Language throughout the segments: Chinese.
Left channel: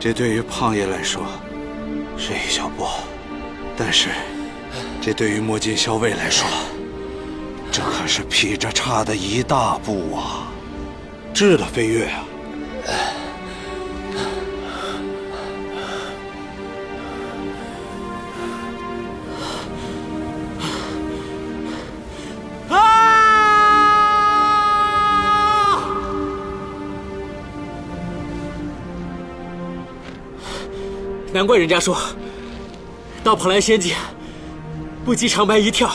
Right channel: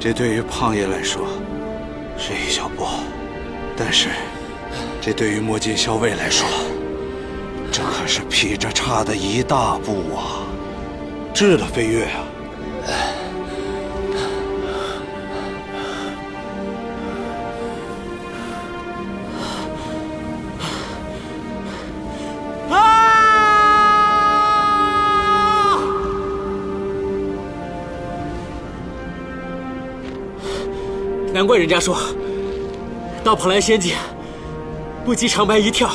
这对于胖爷来说是一小步，但是这对于墨镜校尉来说，这可是劈着叉的一大步啊！质的飞跃啊！难怪人家说，到蓬莱仙境，不及长白一跳，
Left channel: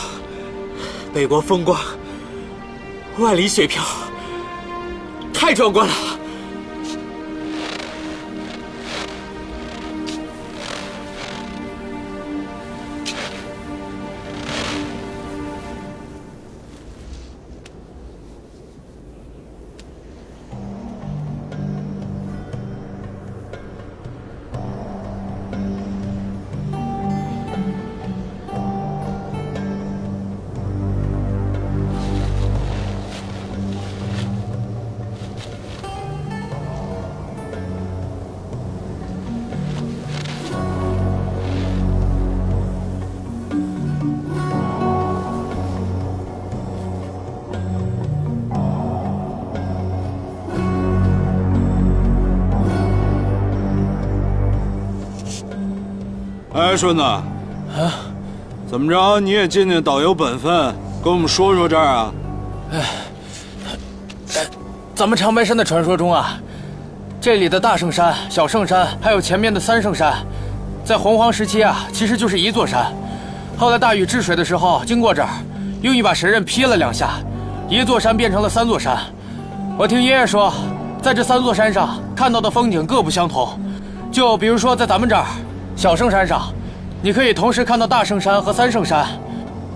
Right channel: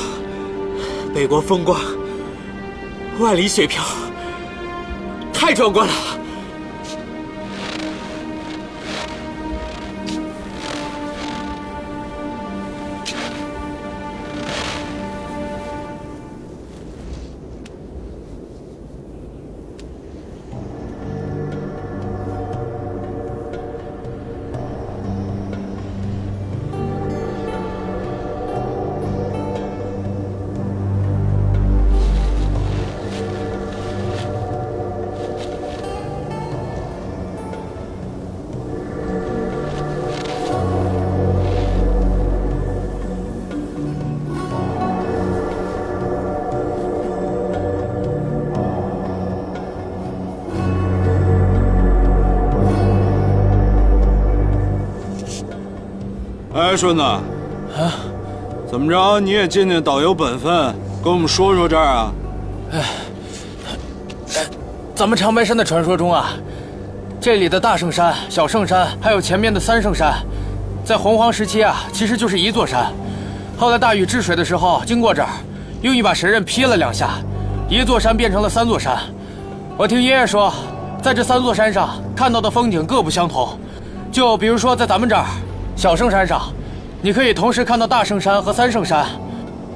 北国风光，万里雪飘，太壮观了。哎，顺子，啊，怎么着？你也尽尽导游本分，跟我们说说这儿啊？咱们长白山的传说中啊，这里的大圣山、小圣山，还有前面的三圣山，在洪荒时期啊，其实就是一座山。后来大禹治水的时候经过这儿，用一把神刃劈了2下，一座山变成了3座山。我听爷爷说，在这3座山上看到的风景各不相同。就比如说在咱们这儿小圣山上，你可以同时看到大圣山和三圣山，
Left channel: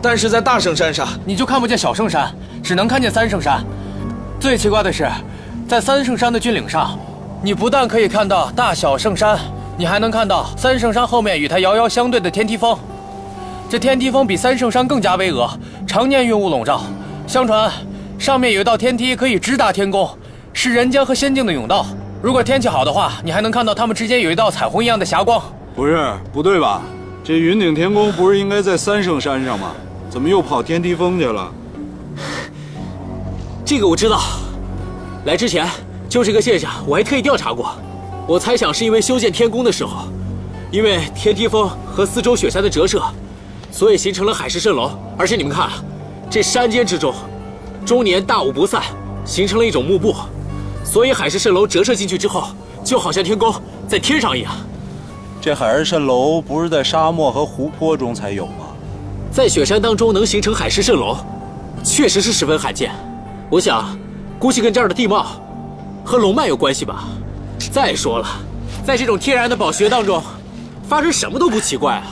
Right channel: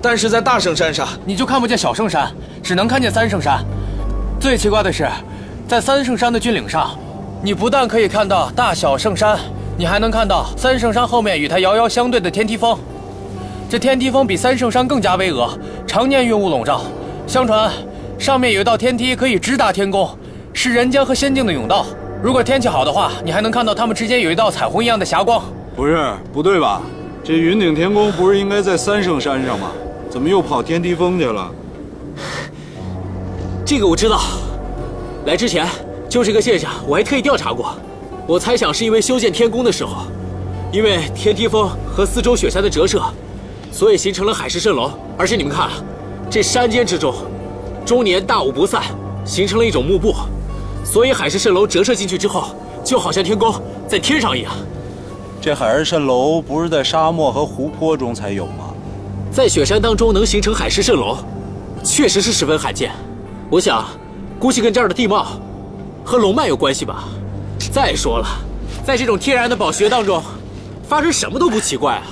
但是在大圣山上你就看不见小圣山，只能看见三圣山。最奇怪的是，在三圣山的峻岭上，你不但可以看到大小圣山，你还能看到三圣山后面与它遥遥相对的天梯峰。这天梯峰比三圣山更加巍峨，常年云雾笼罩。相传上面有一道天梯可以直达天宫，是人间和仙境的甬道。如果天气好的话，你还能看到它们之间有一道彩虹一样的霞光。不对吧？这云顶天宫不是应该在三圣山上吗？怎么又跑天梯峰去了？这个我知道，来之前就这个现象我还特意调查过。我猜想是因为修建天宫的时候，因为天梯峰和四周雪山的折射，所以形成了海市蜃楼。而且你们看啊，这山间之中，终年大雾不散，形成了一种幕布，所以海市蜃楼折射进去之后，就好像天宫在天上一样。这海市蜃楼不是在沙漠和湖泊中才有吗？在雪山当中能形成海市蜃楼，确实是十分罕见。我想，估计跟这儿的地貌和龙脉有关系吧。再说了，在这种天然的宝穴当中，发生什么都不奇怪啊。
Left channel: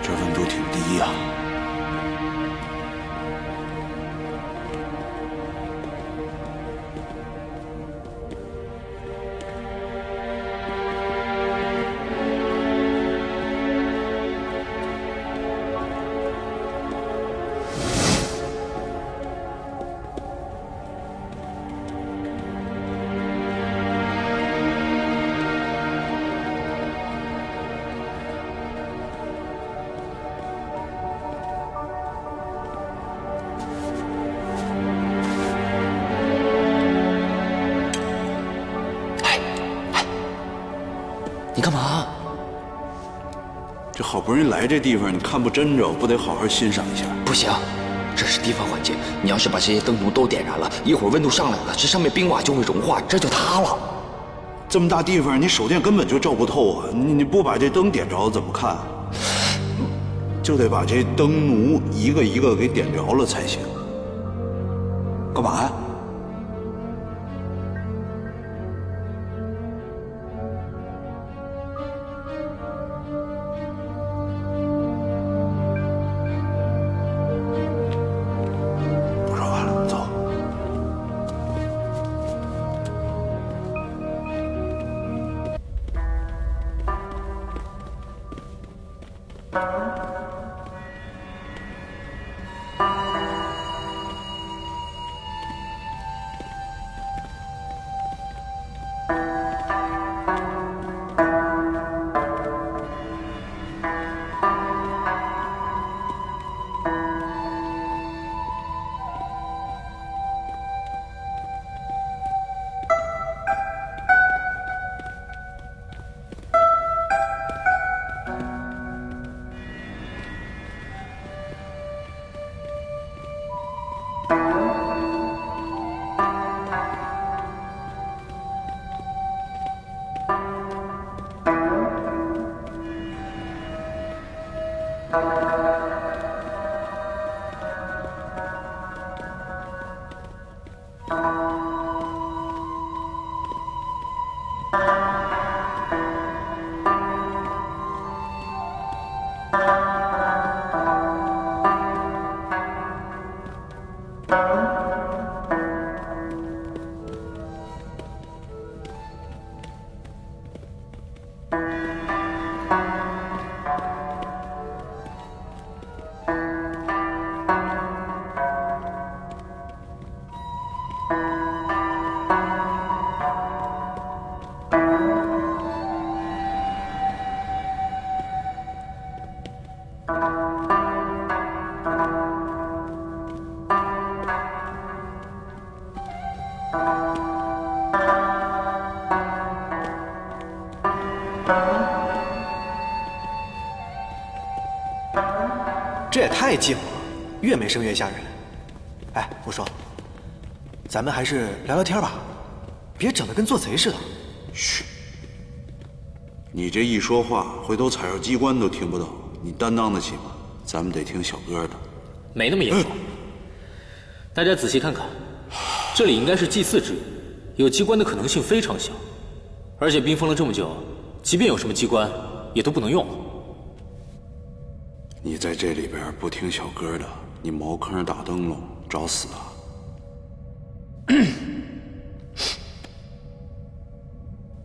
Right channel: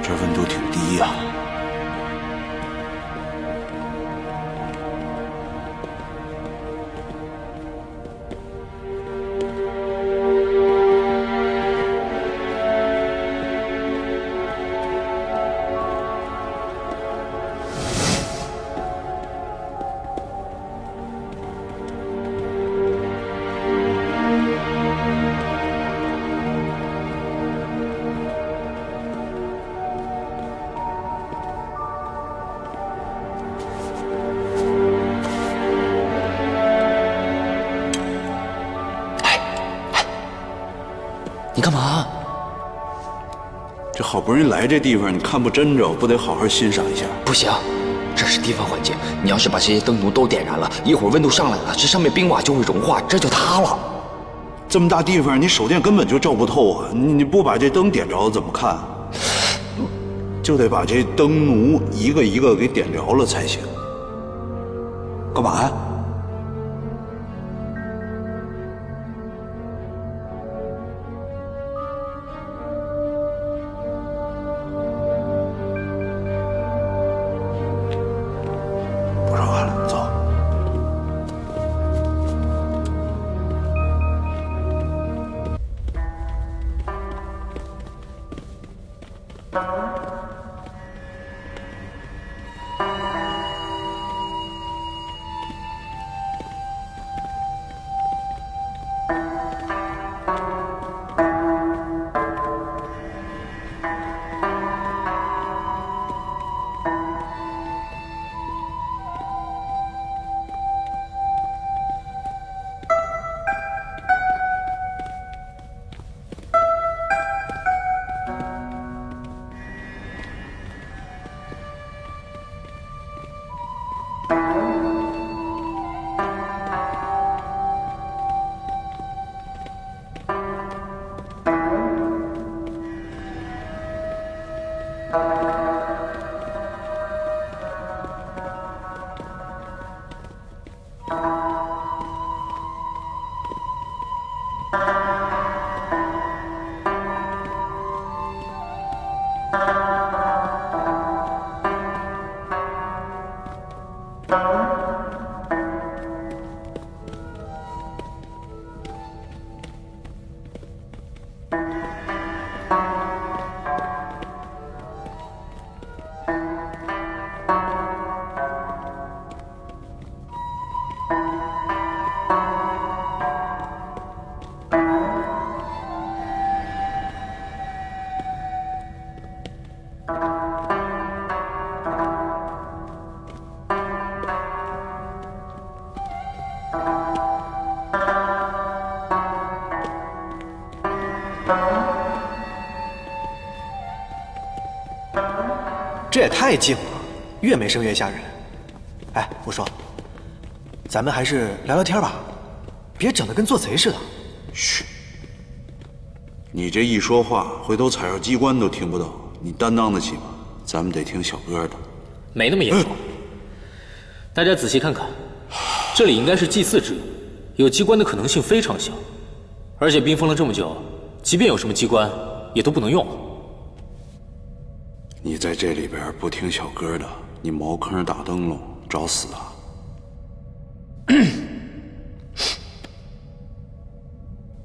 这温度挺低呀。你干嘛？这好不容易来这地方，你看不真着，不得好好欣赏一下？不行，这是地方环境，你要是把这些灯笼都点燃了，一会儿温度上来了，这上面冰瓦就会融化，这就塌了。这么大地方，你手电根本就照不透啊！你不把这灯点着怎么看？就得把这灯奴一个一个给点着了才行。干嘛呀？不说话了，走。这也太静了，越没声越吓人。哎，我说，咱们还是聊聊天吧，别整得跟做贼似的。嘘，你这一说话，回头踩着机关都听不到，你担当得起吗？咱们得听小哥的。没那么严重。大家仔细看看，这里应该是祭祀之用，有机关的可能性非常小。而且冰封了这么久，即便有什么机关，也都不能用。你在这里边不听小哥的，你茅坑打灯笼，找死啊！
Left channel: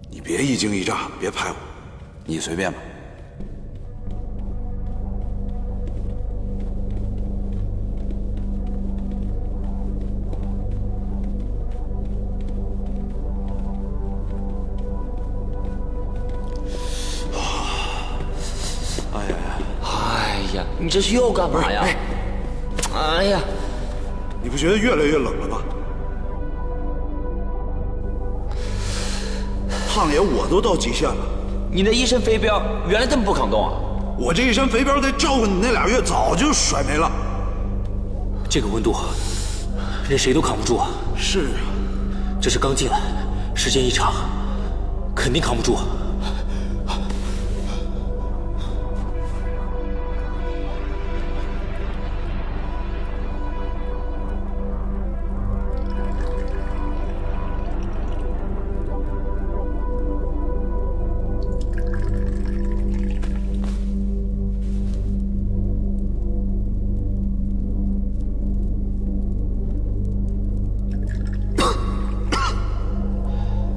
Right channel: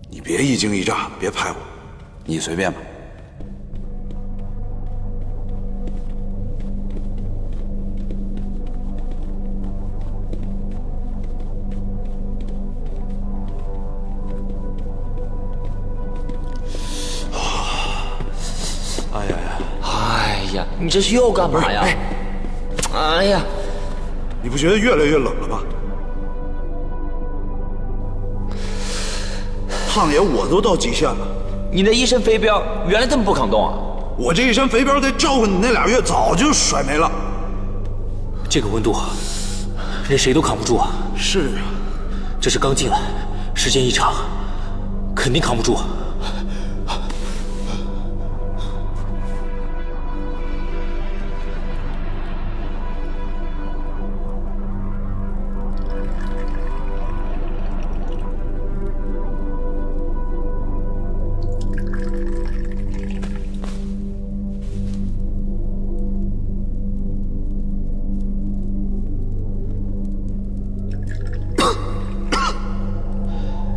你别一惊一乍的，别拍我，你随便吧。哎呀呀！哎呀，你这是又干嘛呀？哎呀，你不觉得越来越冷了吗？胖爷，我都到极限了。你那一身肥膘原来这么不抗冻啊？我这一身肥膘得照顾你那俩月，早就甩没了。这个温度，任谁都扛不住啊！是啊，这是刚进来，时间一长，肯定扛不住。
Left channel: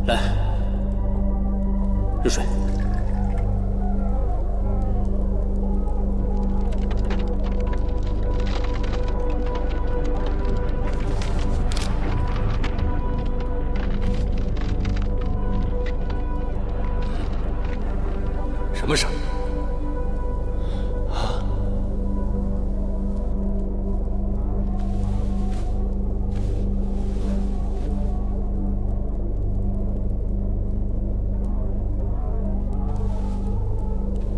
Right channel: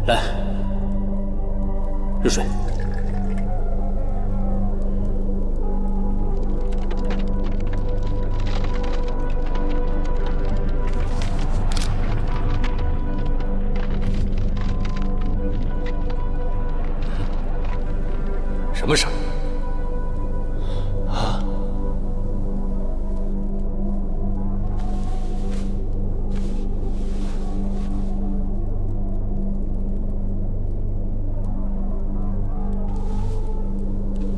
来，热水。什么声音？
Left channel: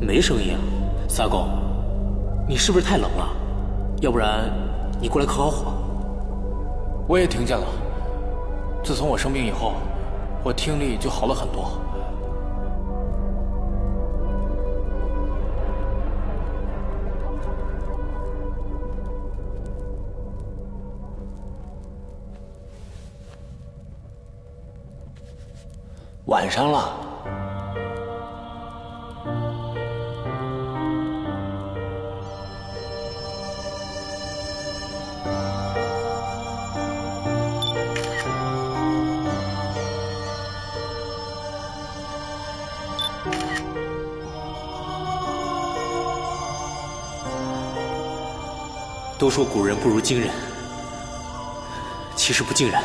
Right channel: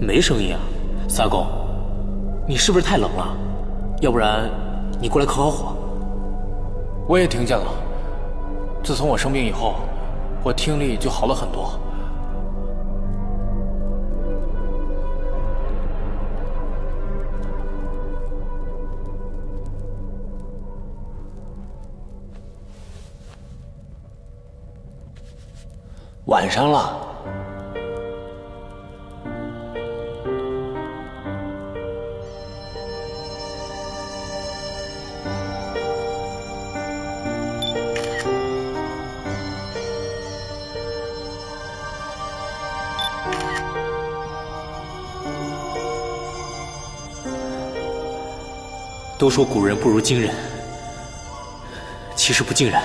没声音啊，萨公，你是不是太冷了？要不然你过来烤烤火。我也听见了。自从我生病以后，我听力就好了很多。晚上了。都说古人不如今人，其实不尽然。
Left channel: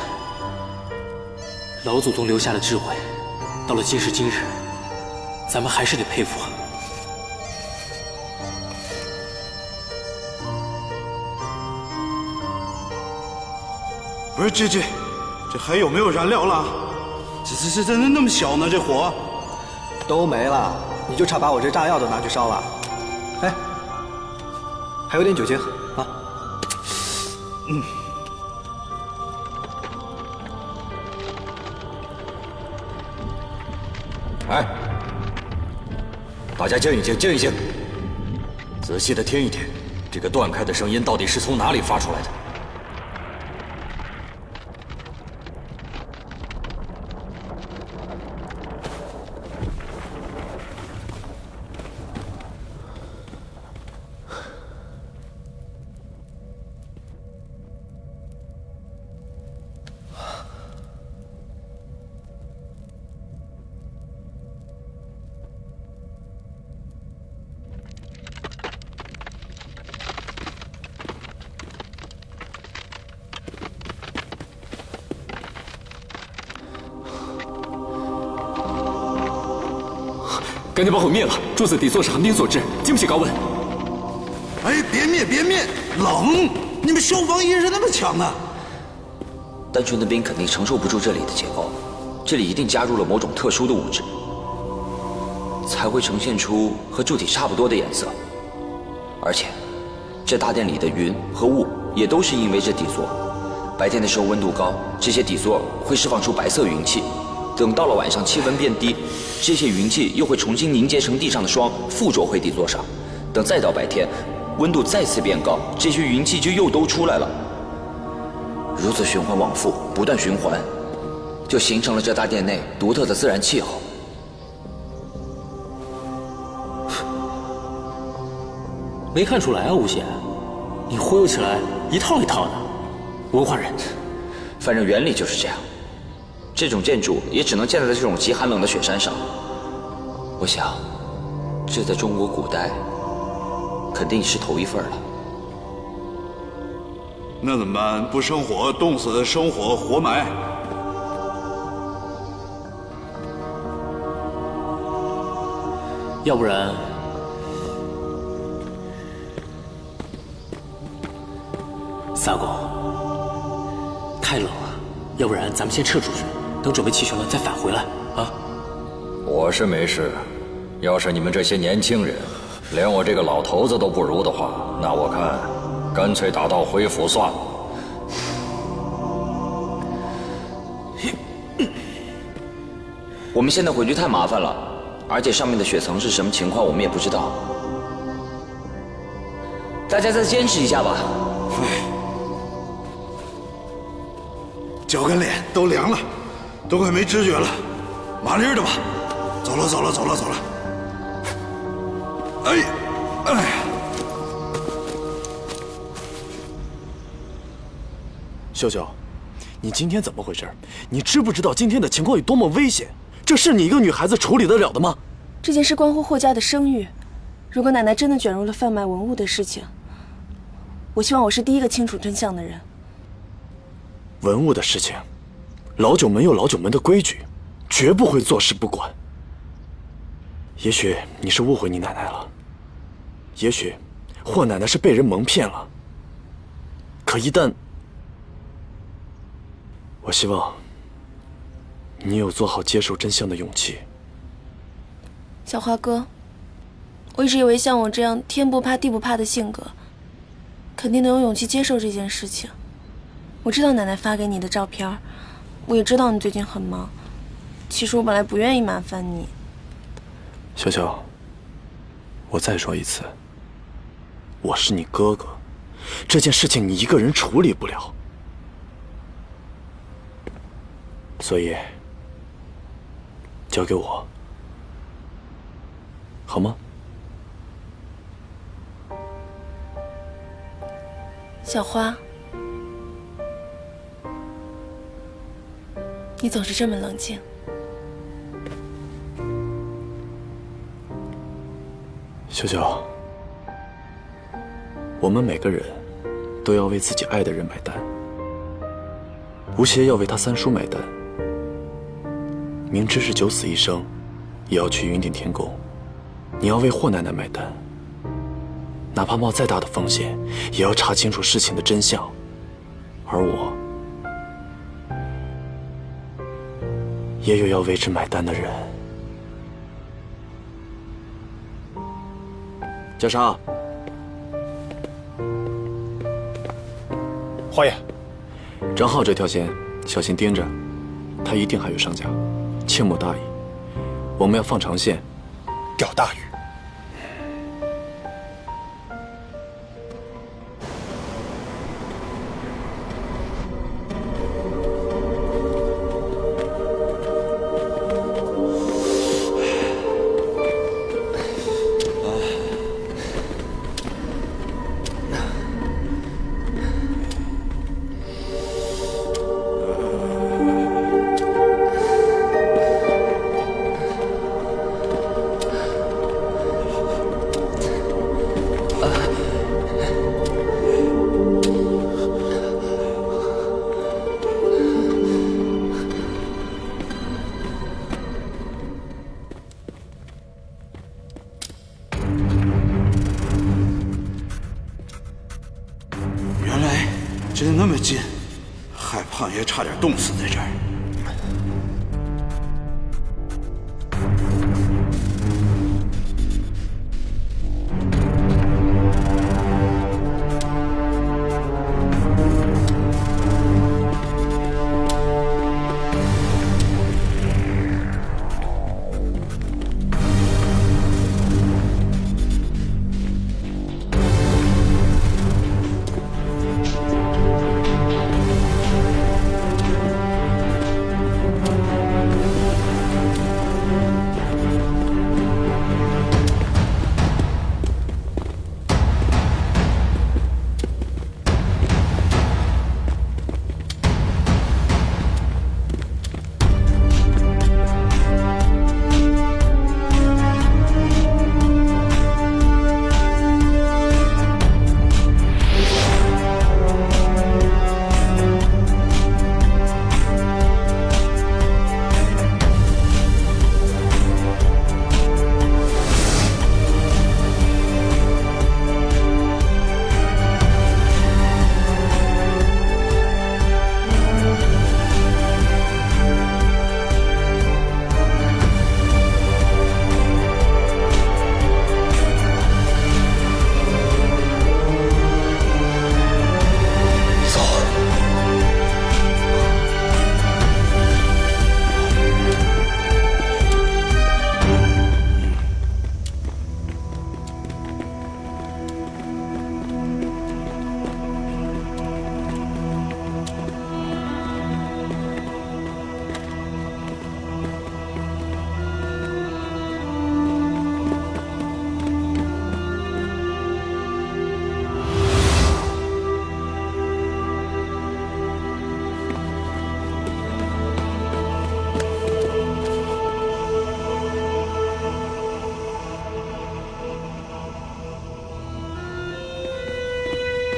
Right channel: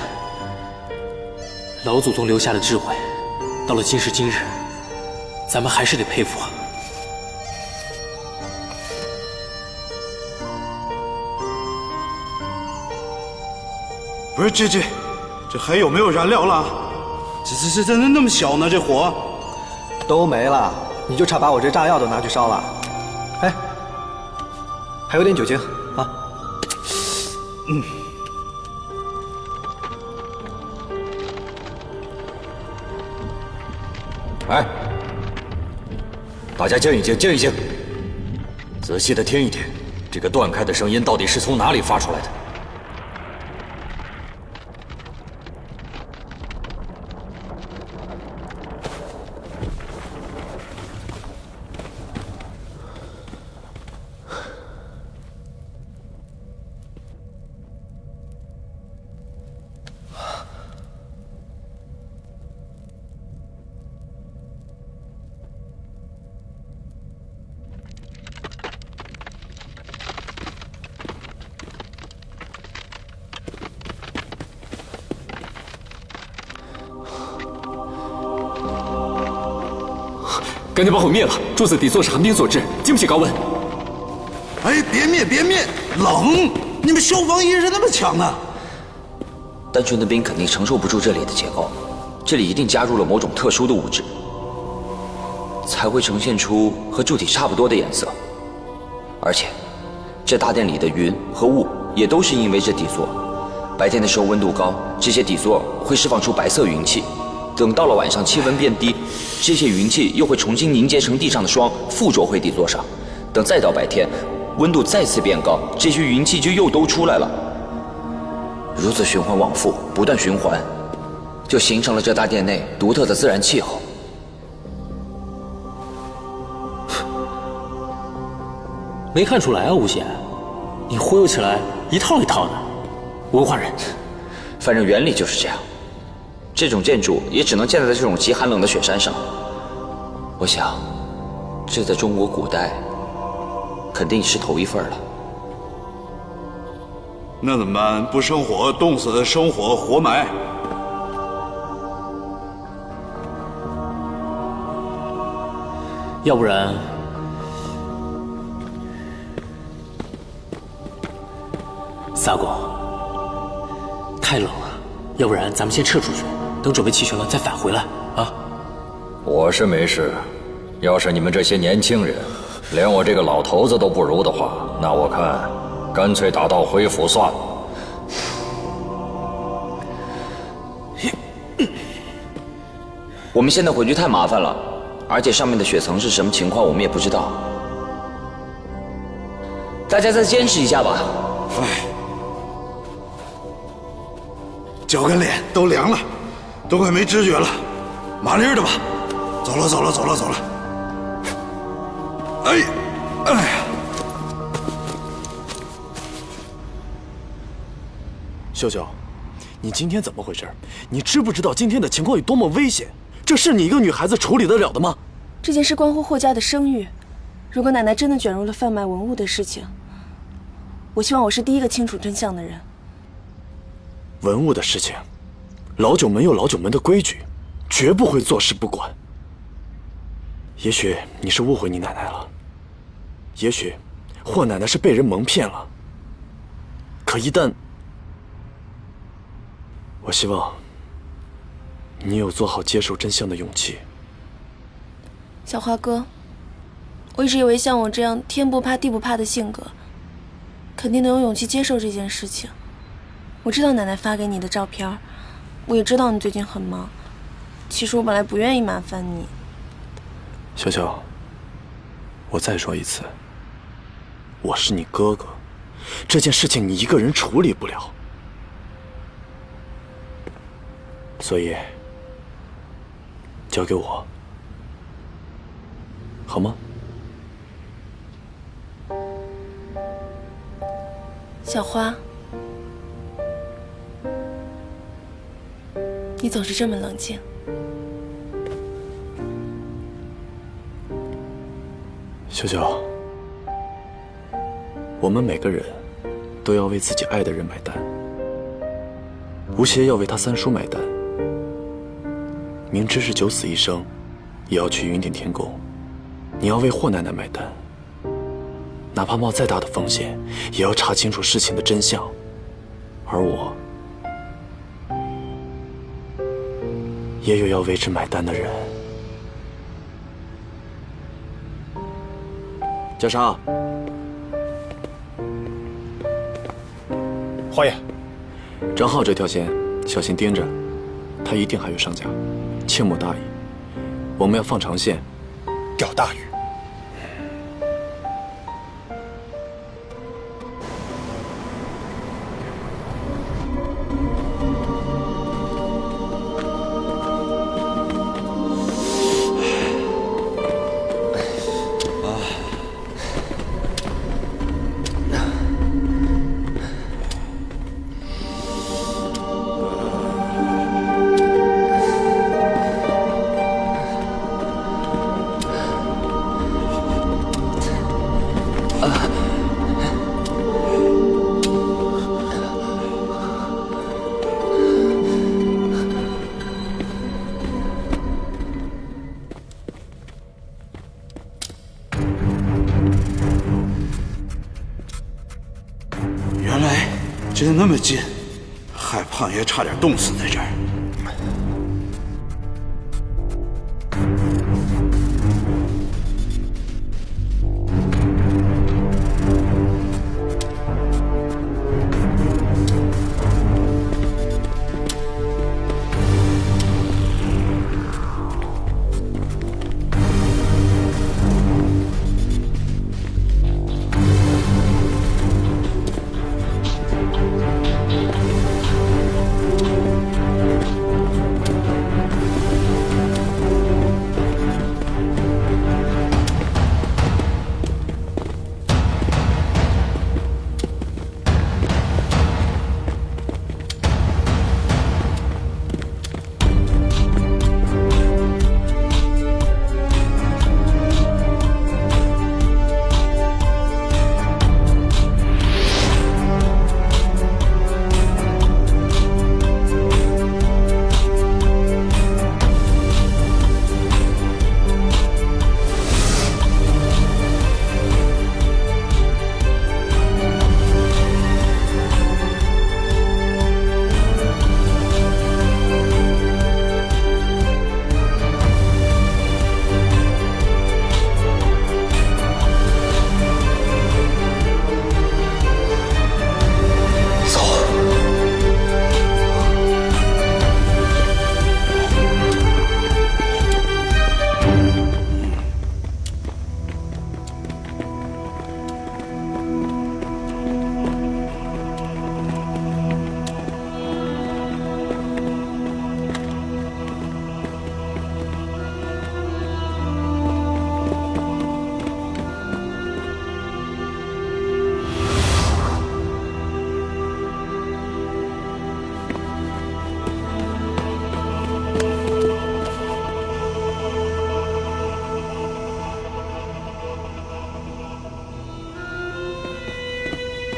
老祖宗留下的智慧，到了今时今日，咱们还是得佩服啊。不是这还有没有燃料了？这那么小呢？这火都没了，你就差把我这炸药都拿去烧了。哎，还有点酒精啊。哎，大家静一静，静一静，仔细的听一听，这个断开的声音到底是从哪里发出来的？赶紧把火灭了！柱子底座是寒冰所致，经不起高温。哎，别灭，冷！你们消防意识那么强呢？单纯的冰肯定承受不住这里的结构，这里一定加入了某种特殊的物质，才会呈现出和柱体差不多的颜色。而且，这大殿里的云和雾也都是因为这底座。白天的时候温度高，这些底座会释放出白色云气。等到了晚上，气温变低，这些云气又会重新凝结成地上的霜，附着回底座上。等再到白天，温度再次变高，这些云气就又都出来了。如此循环往复，不断循环，就形成了这大殿内独特的自然气候。没看出来啊，吴邪，你忽悠起来一套一套的，文化人。反正原理就是这样。这种建筑也只能建在这种极寒冷的雪山上。我想，这在中国古代肯定是头一份了。那怎么办？不生火，冻死；生火，活埋。要不然，萨公，太冷了，要不然咱们先撤出去，等准备齐全了再返回来啊。我是没事，要是你们这些年轻人连我这个老头子都不如的话，那我看干脆打道回府算了。我们现在回去太麻烦了，而且上面的雪层是什么情况我们也不知道。大家再坚持一下吧。哎，脚跟脸都凉了，都快没知觉了，麻利儿的吧。走了。哎呀！秀秀，你今天怎么回事？你知不知道今天的情况有多么危险？这是你一个女孩子处理得了的吗？这件事关乎霍家的声誉，如果奶奶真的卷入了贩卖文物的事情，我希望我是第一个清楚真相的人。文物的事情，老九门有老九门的规矩，绝不会坐视不管。也许你是误会你奶奶了，也许霍奶奶是被人蒙骗了。可一旦……我希望你有做好接受真相的勇气。小花哥，我一直以为像我这样天不怕地不怕的性格，肯定能有勇气接受这件事情。我知道奶奶发给你的照片，我也知道你最近很忙。其实我本来不愿意麻烦你。小小，我再说一次，我是你哥哥，这件事情你一个人处理不了，所以交给我，好吗？小花，你总是这么冷静。小小，我们每个人都要为自己爱的人买单。吴邪要为他三叔买单，明知是九死一生，也要去云顶天宫。你要为霍奶奶买单，哪怕冒再大的风险，也要查清楚事情的真相。而我，也有要为之买单的人。嘉莎，花爷，张浩这条线小心盯着，他一定还有上家，切莫大意。我们要放长线，钓大鱼。原来真的那么近，害胖爷差点冻死在这儿。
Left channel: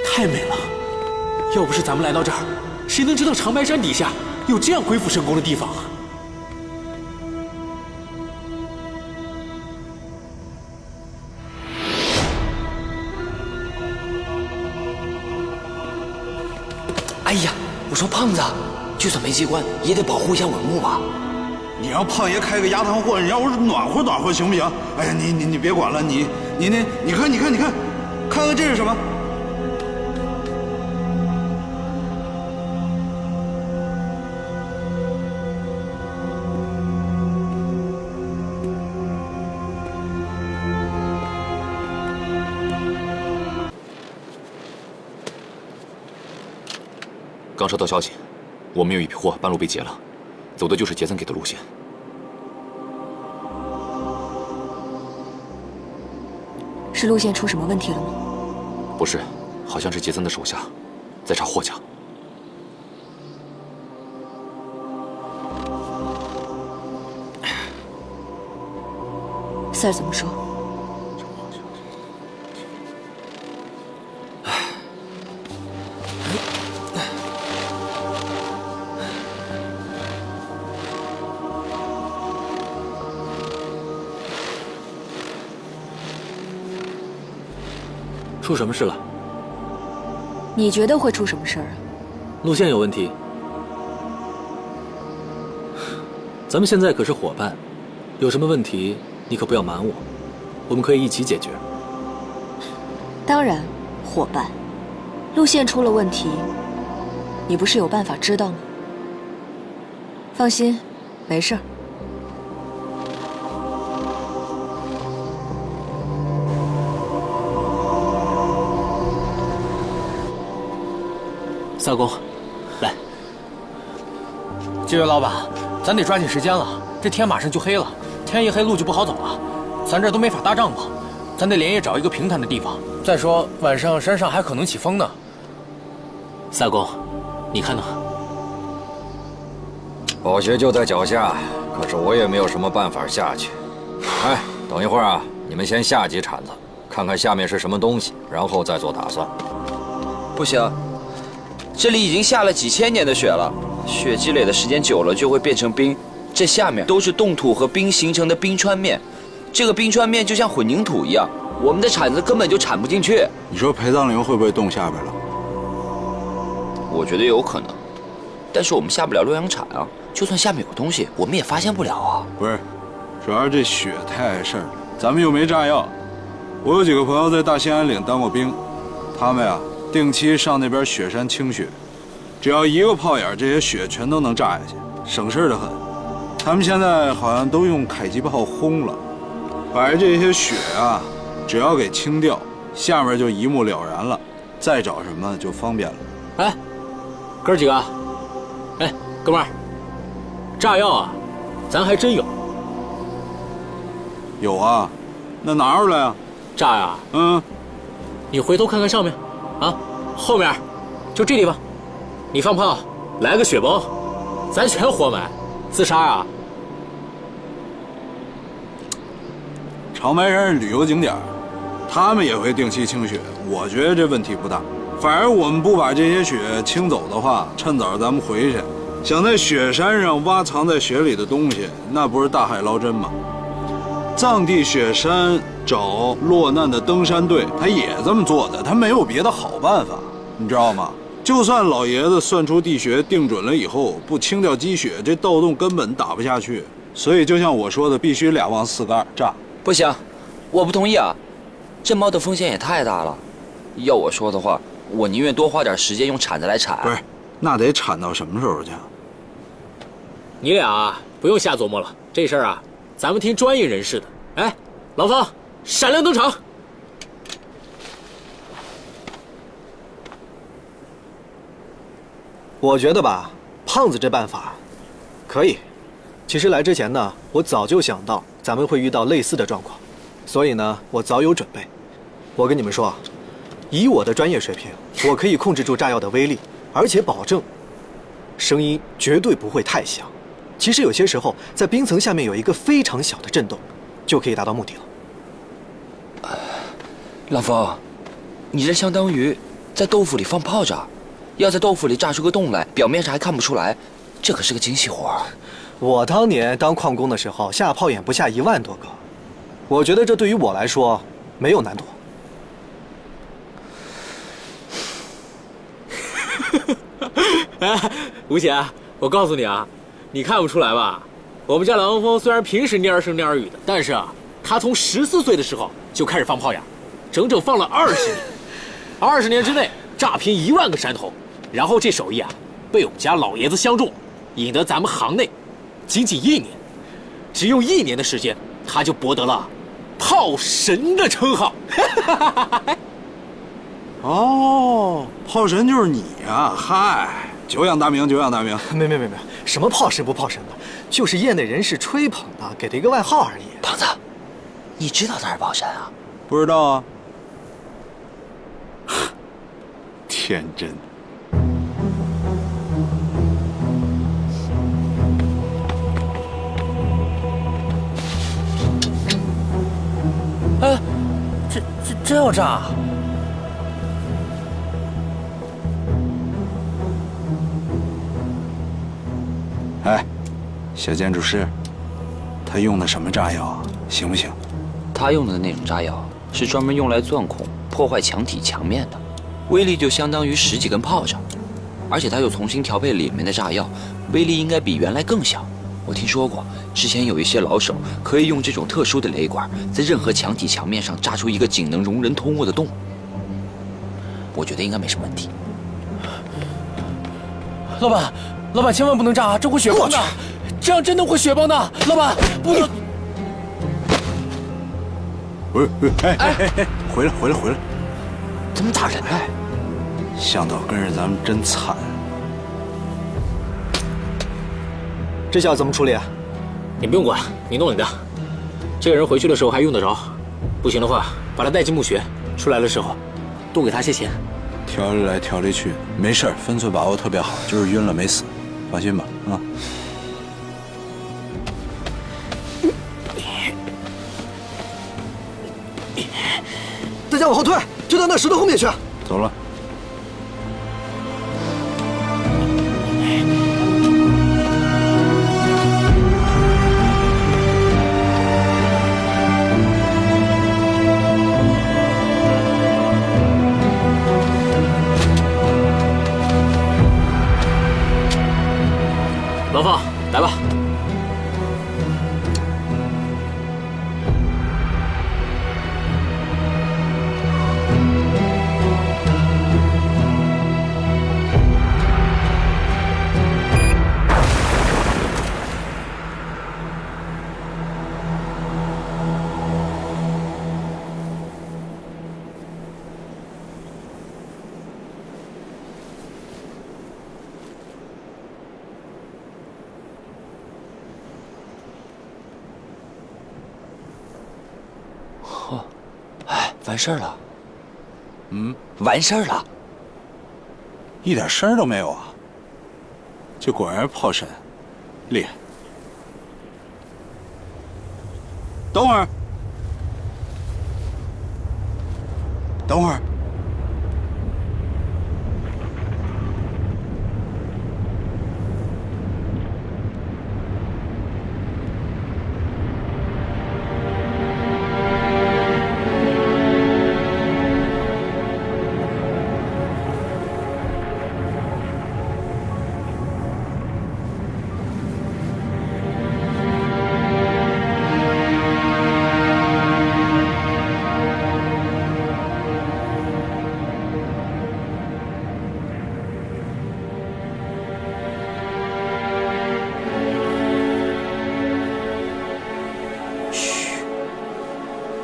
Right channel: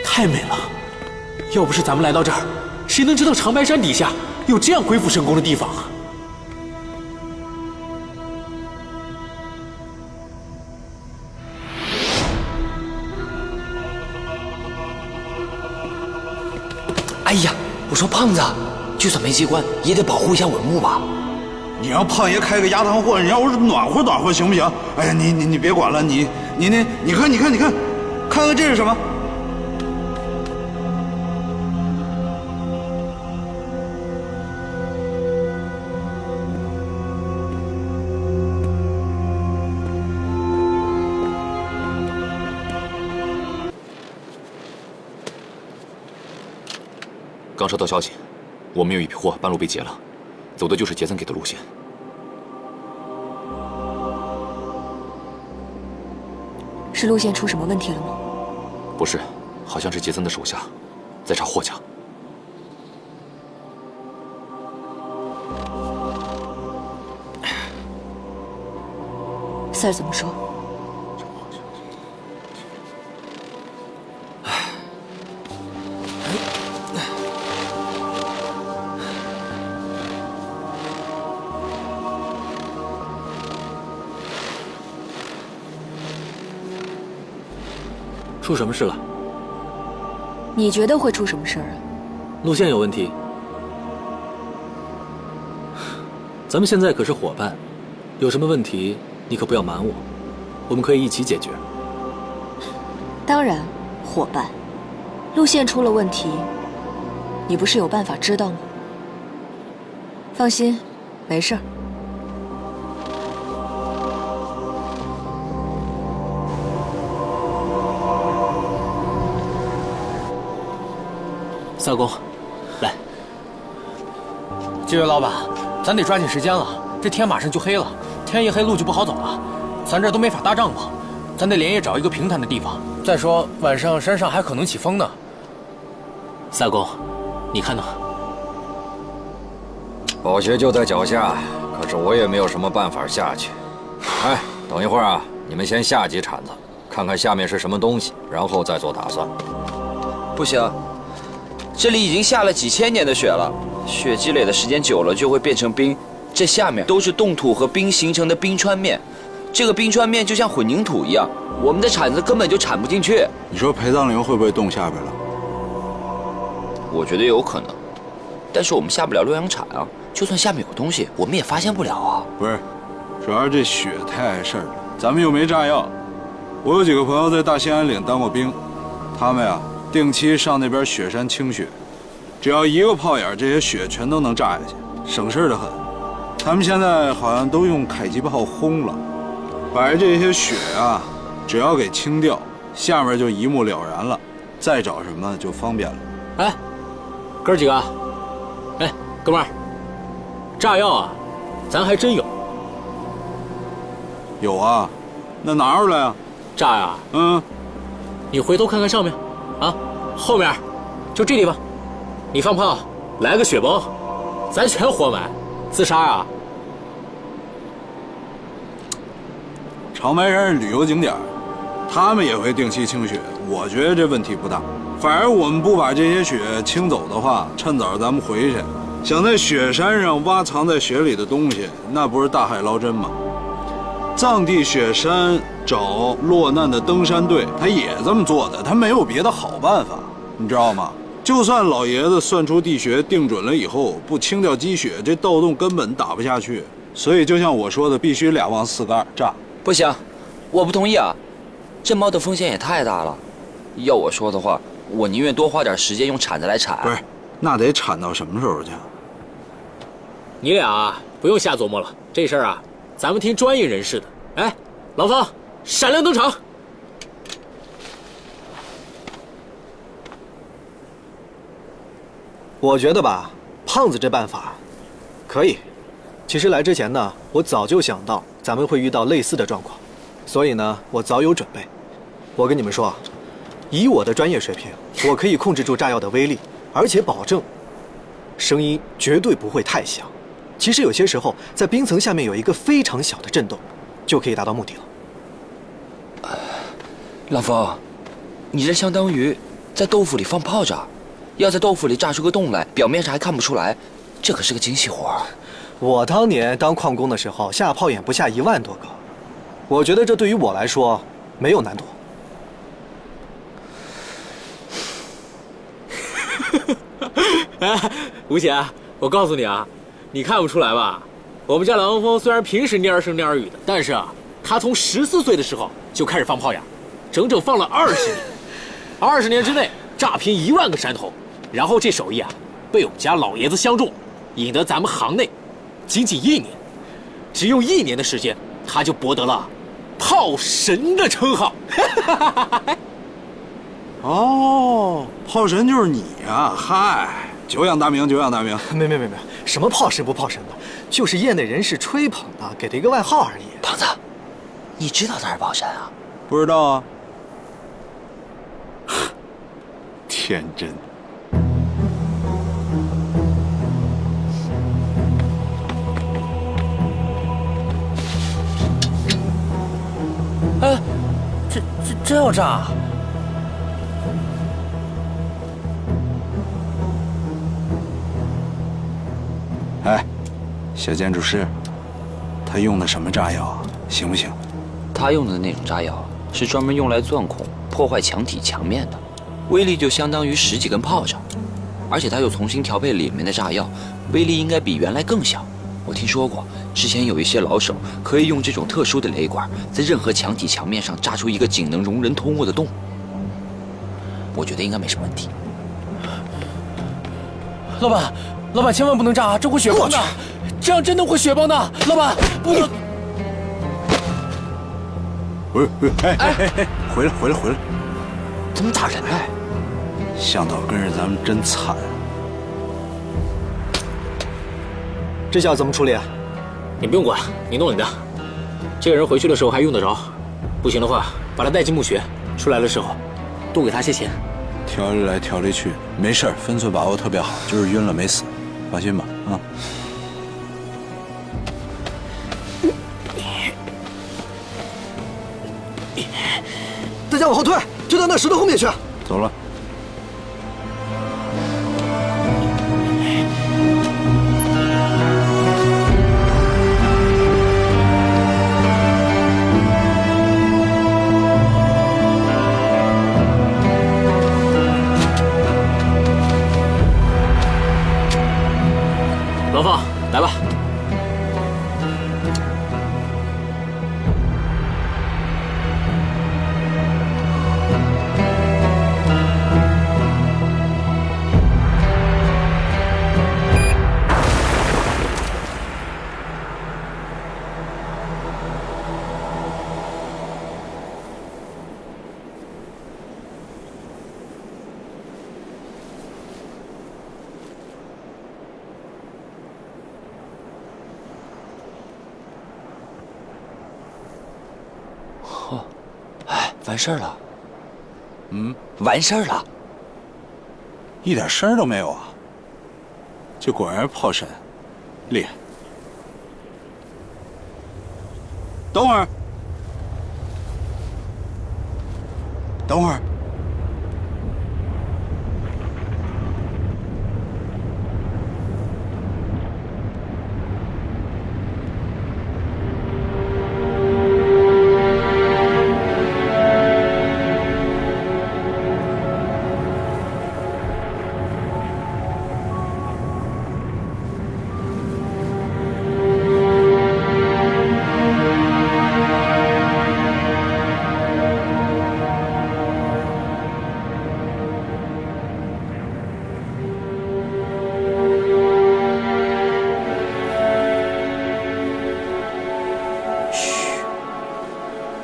太美了！要不是咱们来到这儿，谁能知道长白山底下有这样鬼斧神工的地方啊？哎呀，我说胖子，就算没机关，也得保护一下文物吧。你让胖爷开个鸭汤货，你让我暖和暖和行不行？哎呀，你别管了，你看，看看这是什么？刚收到消息，我们有一批货半路被劫了，走的就是杰森给的路线。是路线出什么问题了吗？不是，好像是杰森的手下在查货架。Sir 怎么说？出什么事了？你觉得会出什么事儿啊？路线有问题。咱们现在可是伙伴，有什么问题你可不要瞒我，我们可以一起解决。当然，伙伴，路线出了问题，你不是有办法知道吗？放心，没事儿。萨公，来。几位老板，咱得抓紧时间了，这天马上就黑了，天一黑路就不好走了，咱这都没法搭帐篷，咱得连夜找一个平坦的地方。再说晚上山上还可能起风呢。萨公，你看呢？宝穴就在脚下，可是我也没有什么办法下去。哎，等一会儿啊，你们先下几铲子，看看下面是什么东西，然后再做打算。不行，这里已经下了几千年的雪了，雪积累的时间久了就会变成冰，这下面都是冻土和冰形成的冰川面，这个冰川面就像混凝土一样，我们的铲子根本就铲不进去。你说陪葬灵会不会冻下边了？我觉得有可能，但是我们下不了洛阳铲啊，就算下面有东西，我们也发现不了啊。不是，主要是这雪太碍事儿了，咱们又没炸药。我有几个朋友在大兴安岭当过兵，他们呀定期上那边雪山清雪，只要一个炮眼，这些雪全都能炸下去，省事的很。他们现在好像都用迫击炮轰了，把这些雪啊，只要给清掉，下面就一目了然了，再找什么就方便了。哎，哥儿几个，哎，哥们儿，炸药啊，咱还真有。有啊，那拿出来啊。炸呀？嗯，你回头看看上面，啊，后面，就这地方，你放炮，来个雪崩，咱全活埋，自杀啊！长白山是旅游景点，他们也会定期清雪，我觉得这问题不大。反而我们不把这些雪清走的话，趁早咱们回去，想在雪山上挖藏在雪里的东西，那不是大海捞针吗？藏地雪山找落难的登山队，他也这么做的，他没有别的好办法，你知道吗？就算老爷子算出地穴定准了以后，不清掉积雪，这盗洞根本打不下去。所以就像我说的，必须2往4个2炸。不行，我不同意啊！这猫的风险也太大了。要我说的话，我宁愿多花点时间用铲子来铲。不是，那得铲到什么时候去？你俩啊，不用瞎琢磨了，这事儿啊，咱们听专业人士的。哎，老方，闪亮登场。我觉得吧，胖子这办法可以。其实来之前呢，我早就想到咱们会遇到类似的状况，所以呢，我早有准备。我跟你们说啊，以我的专业水平，我可以控制住炸药的威力，而且保证声音绝对不会太响。其实有些时候，在冰层下面有一个非常小的震动，就可以达到目的了。老冯，你这相当于在豆腐里放炮仗，要在豆腐里炸出个洞来，表面上还看不出来，这可是个精细活儿。我当年当矿工的时候，下炮眼不下1万多个，我觉得这对于我来说没有难度。哎，吴姐，我告诉你啊，你看不出来吧？我们家郎峰虽然平时蔫儿声蔫儿语的，但是啊，他从14岁的时候就开始放炮眼，整整放了20年。20年之内炸平1万个山头，然后这手艺啊，被我们家老爷子相中，引得咱们行内仅仅1年，只用1年的时间，他就博得了炮神的称号。哦，炮神就是你呀！嗨，久仰大名，久仰大名。没，什么炮神不炮神的，就是业内人士吹捧的，给他一个外号而已。胖子，你知道他是炮神啊？不知道啊？天真。哎，这要炸？哎，小建筑师，他用的什么炸药啊？行不行？他用的那种炸药是专门用来钻孔、破坏墙体墙面的，威力就相当于10几根炮仗。而且他又重新调配里面的炸药，威力应该比原来更小。我听说过，之前有一些老手可以用这种特殊的雷管，在任何墙体墙面上炸出一个仅能容人通过的洞。我觉得应该没什么问题。老板千万不能炸啊，这会雪崩的，这样真的会雪崩的。老板不能。哎，回来！怎么打人呢？向导跟着咱们真惨。这下怎么处理？你不用管，你弄你的。这个人回去的时候还用得着，不行的话，把他带进墓穴，出来的时候多给他些钱。调理来调理去，没事儿，分寸把握特别好，就是晕了没死，放心吧啊。大家往后退，退到那石头后面去。走了。老方，来吧。完事儿了。完事儿了。一点声儿都没有啊！这果然是炮神，厉害。等会儿，等会儿。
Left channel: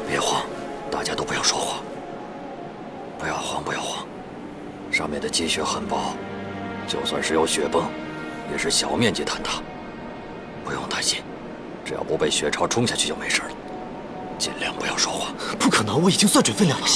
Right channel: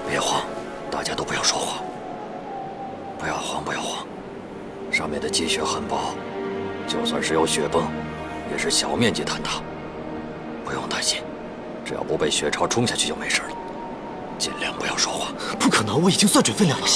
别慌，大家都不要说话。不要慌，不要慌。上面的积雪很薄，就算是有雪崩，也是小面积坍塌，不用担心。只要不被雪潮冲下去就没事了。尽量不要说话。不可能，我已经算准分量了。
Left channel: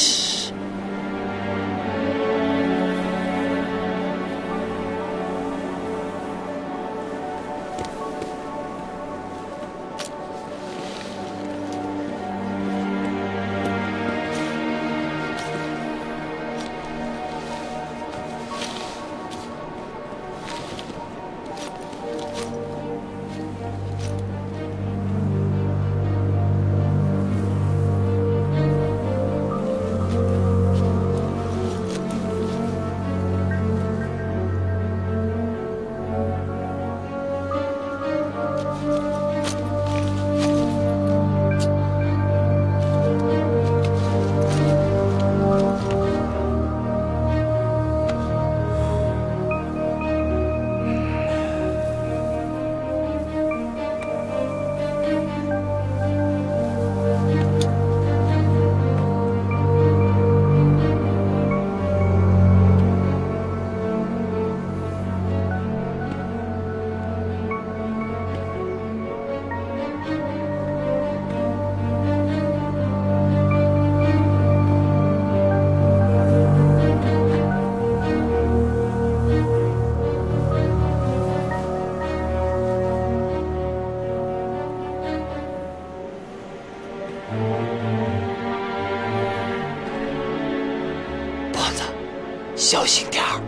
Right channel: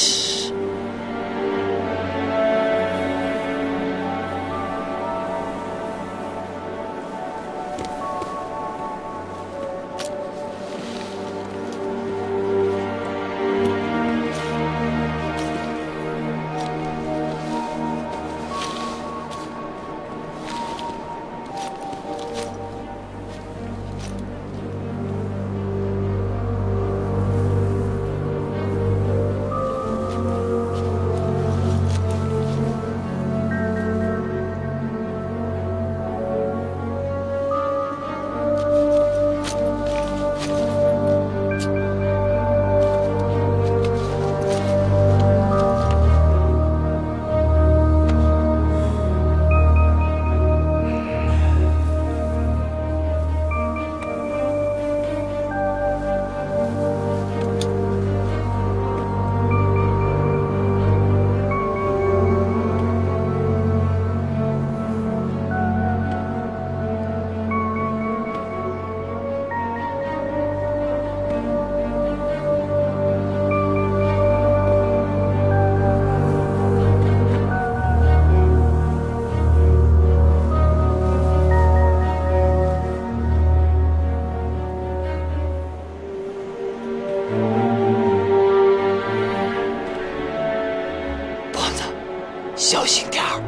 小心点儿。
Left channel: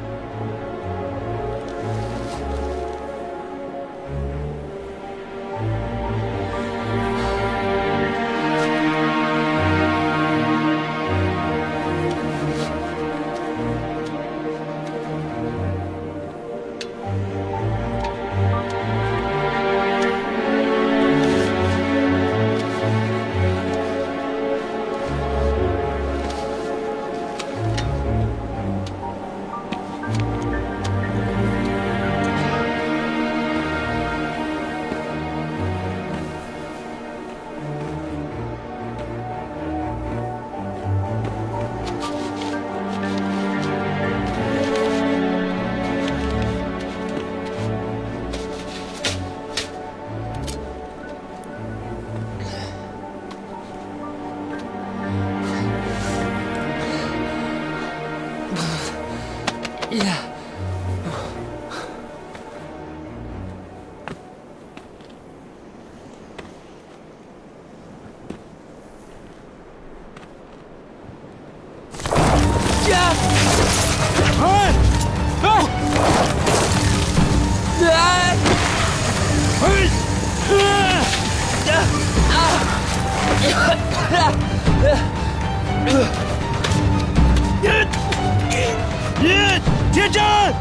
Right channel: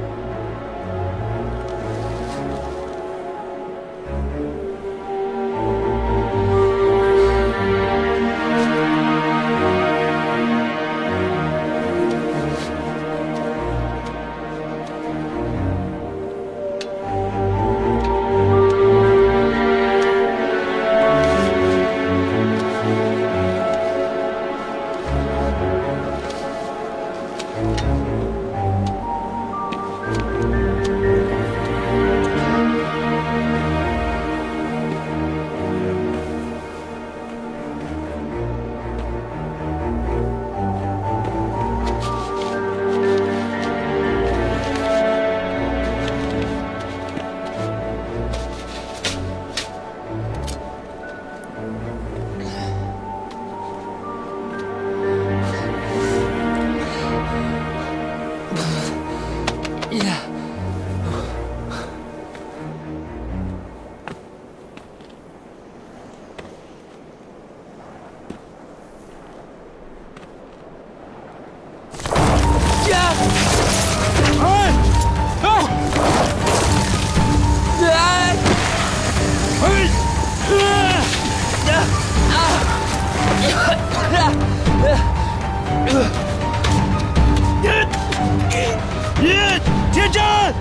铁战！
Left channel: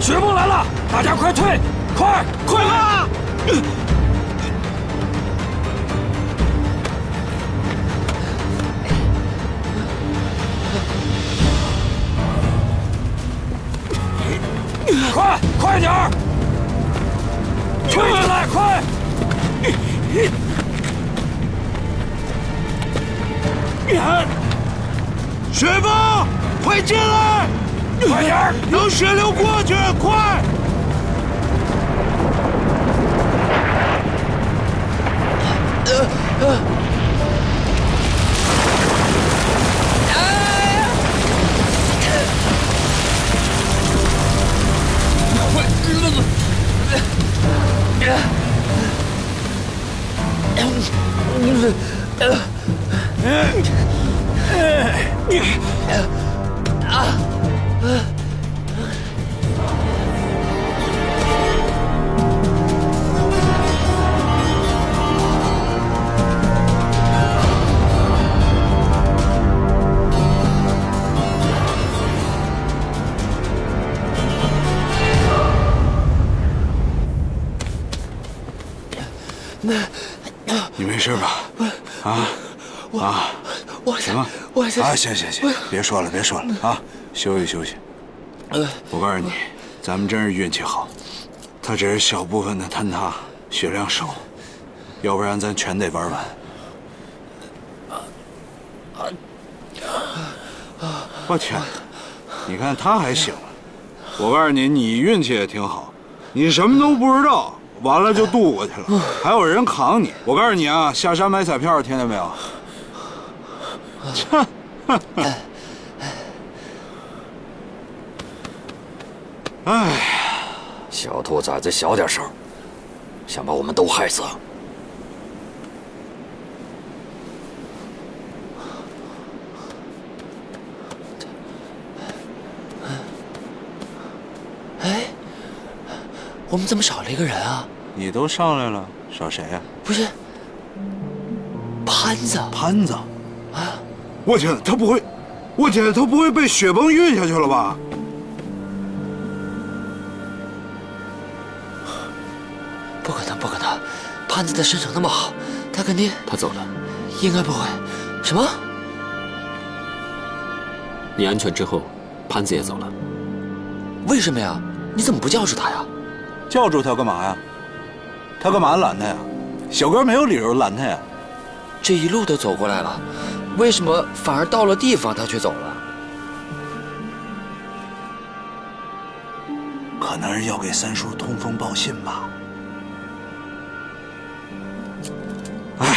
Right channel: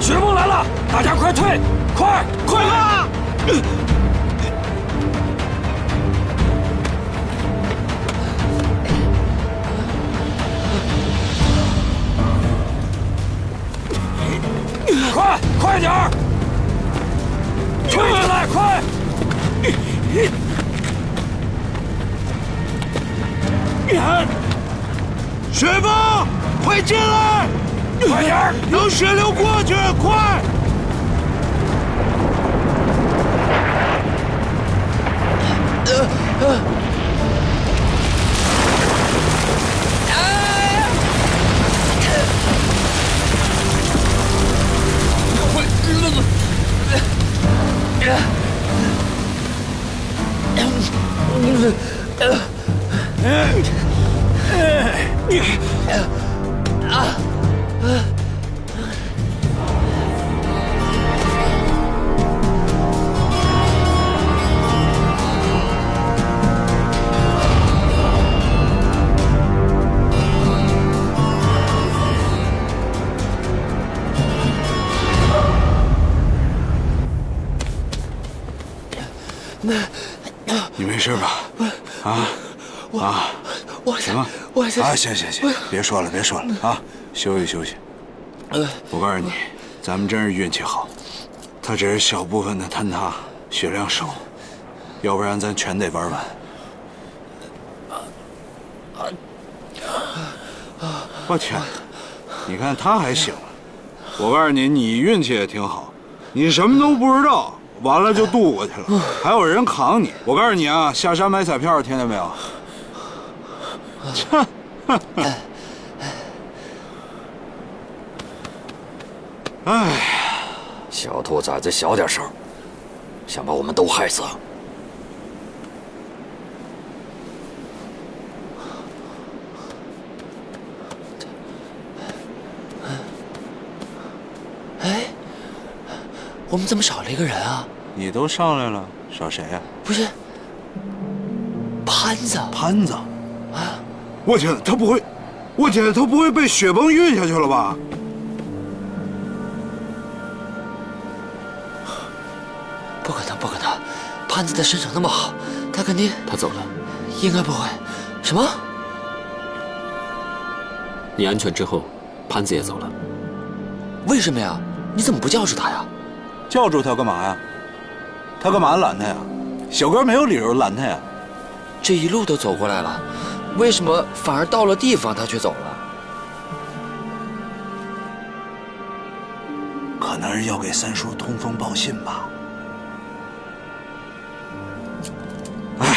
雪崩来了，大家快退！快啊！快点儿！退下来，快！雪崩，快进来！快点儿！让血流过去，快！你没事吧？行啊，行，别说了啊，休息。我告诉你，咱们真是运气好，他只是小部分的坍塌，血量少，要不然咱全得玩完。我天，你看他还醒了。我告诉你，你运气也挺好，你什么都不知道，完了就渡过去了，还有人扛你。我告诉你啊，下山买彩票，听见没有？哎，小兔崽子小点声，想把我们都害死。哎，我们怎么少了一个人啊？你都上来了，少谁呀？不是，潘子。潘子，啊！我天，他不会被雪崩运下去了吧？不可能！潘子的身手那么好，他肯定……他走了。应该不会。什么？你安全之后，潘子也走了。为什么呀？你怎么不叫住他呀？叫住他干嘛呀？他干嘛拦他呀？小哥没有理由拦他呀。这一路都走过来了，为什么反而到了地方他却走了？可能是要给三叔通风报信吧。哎呀，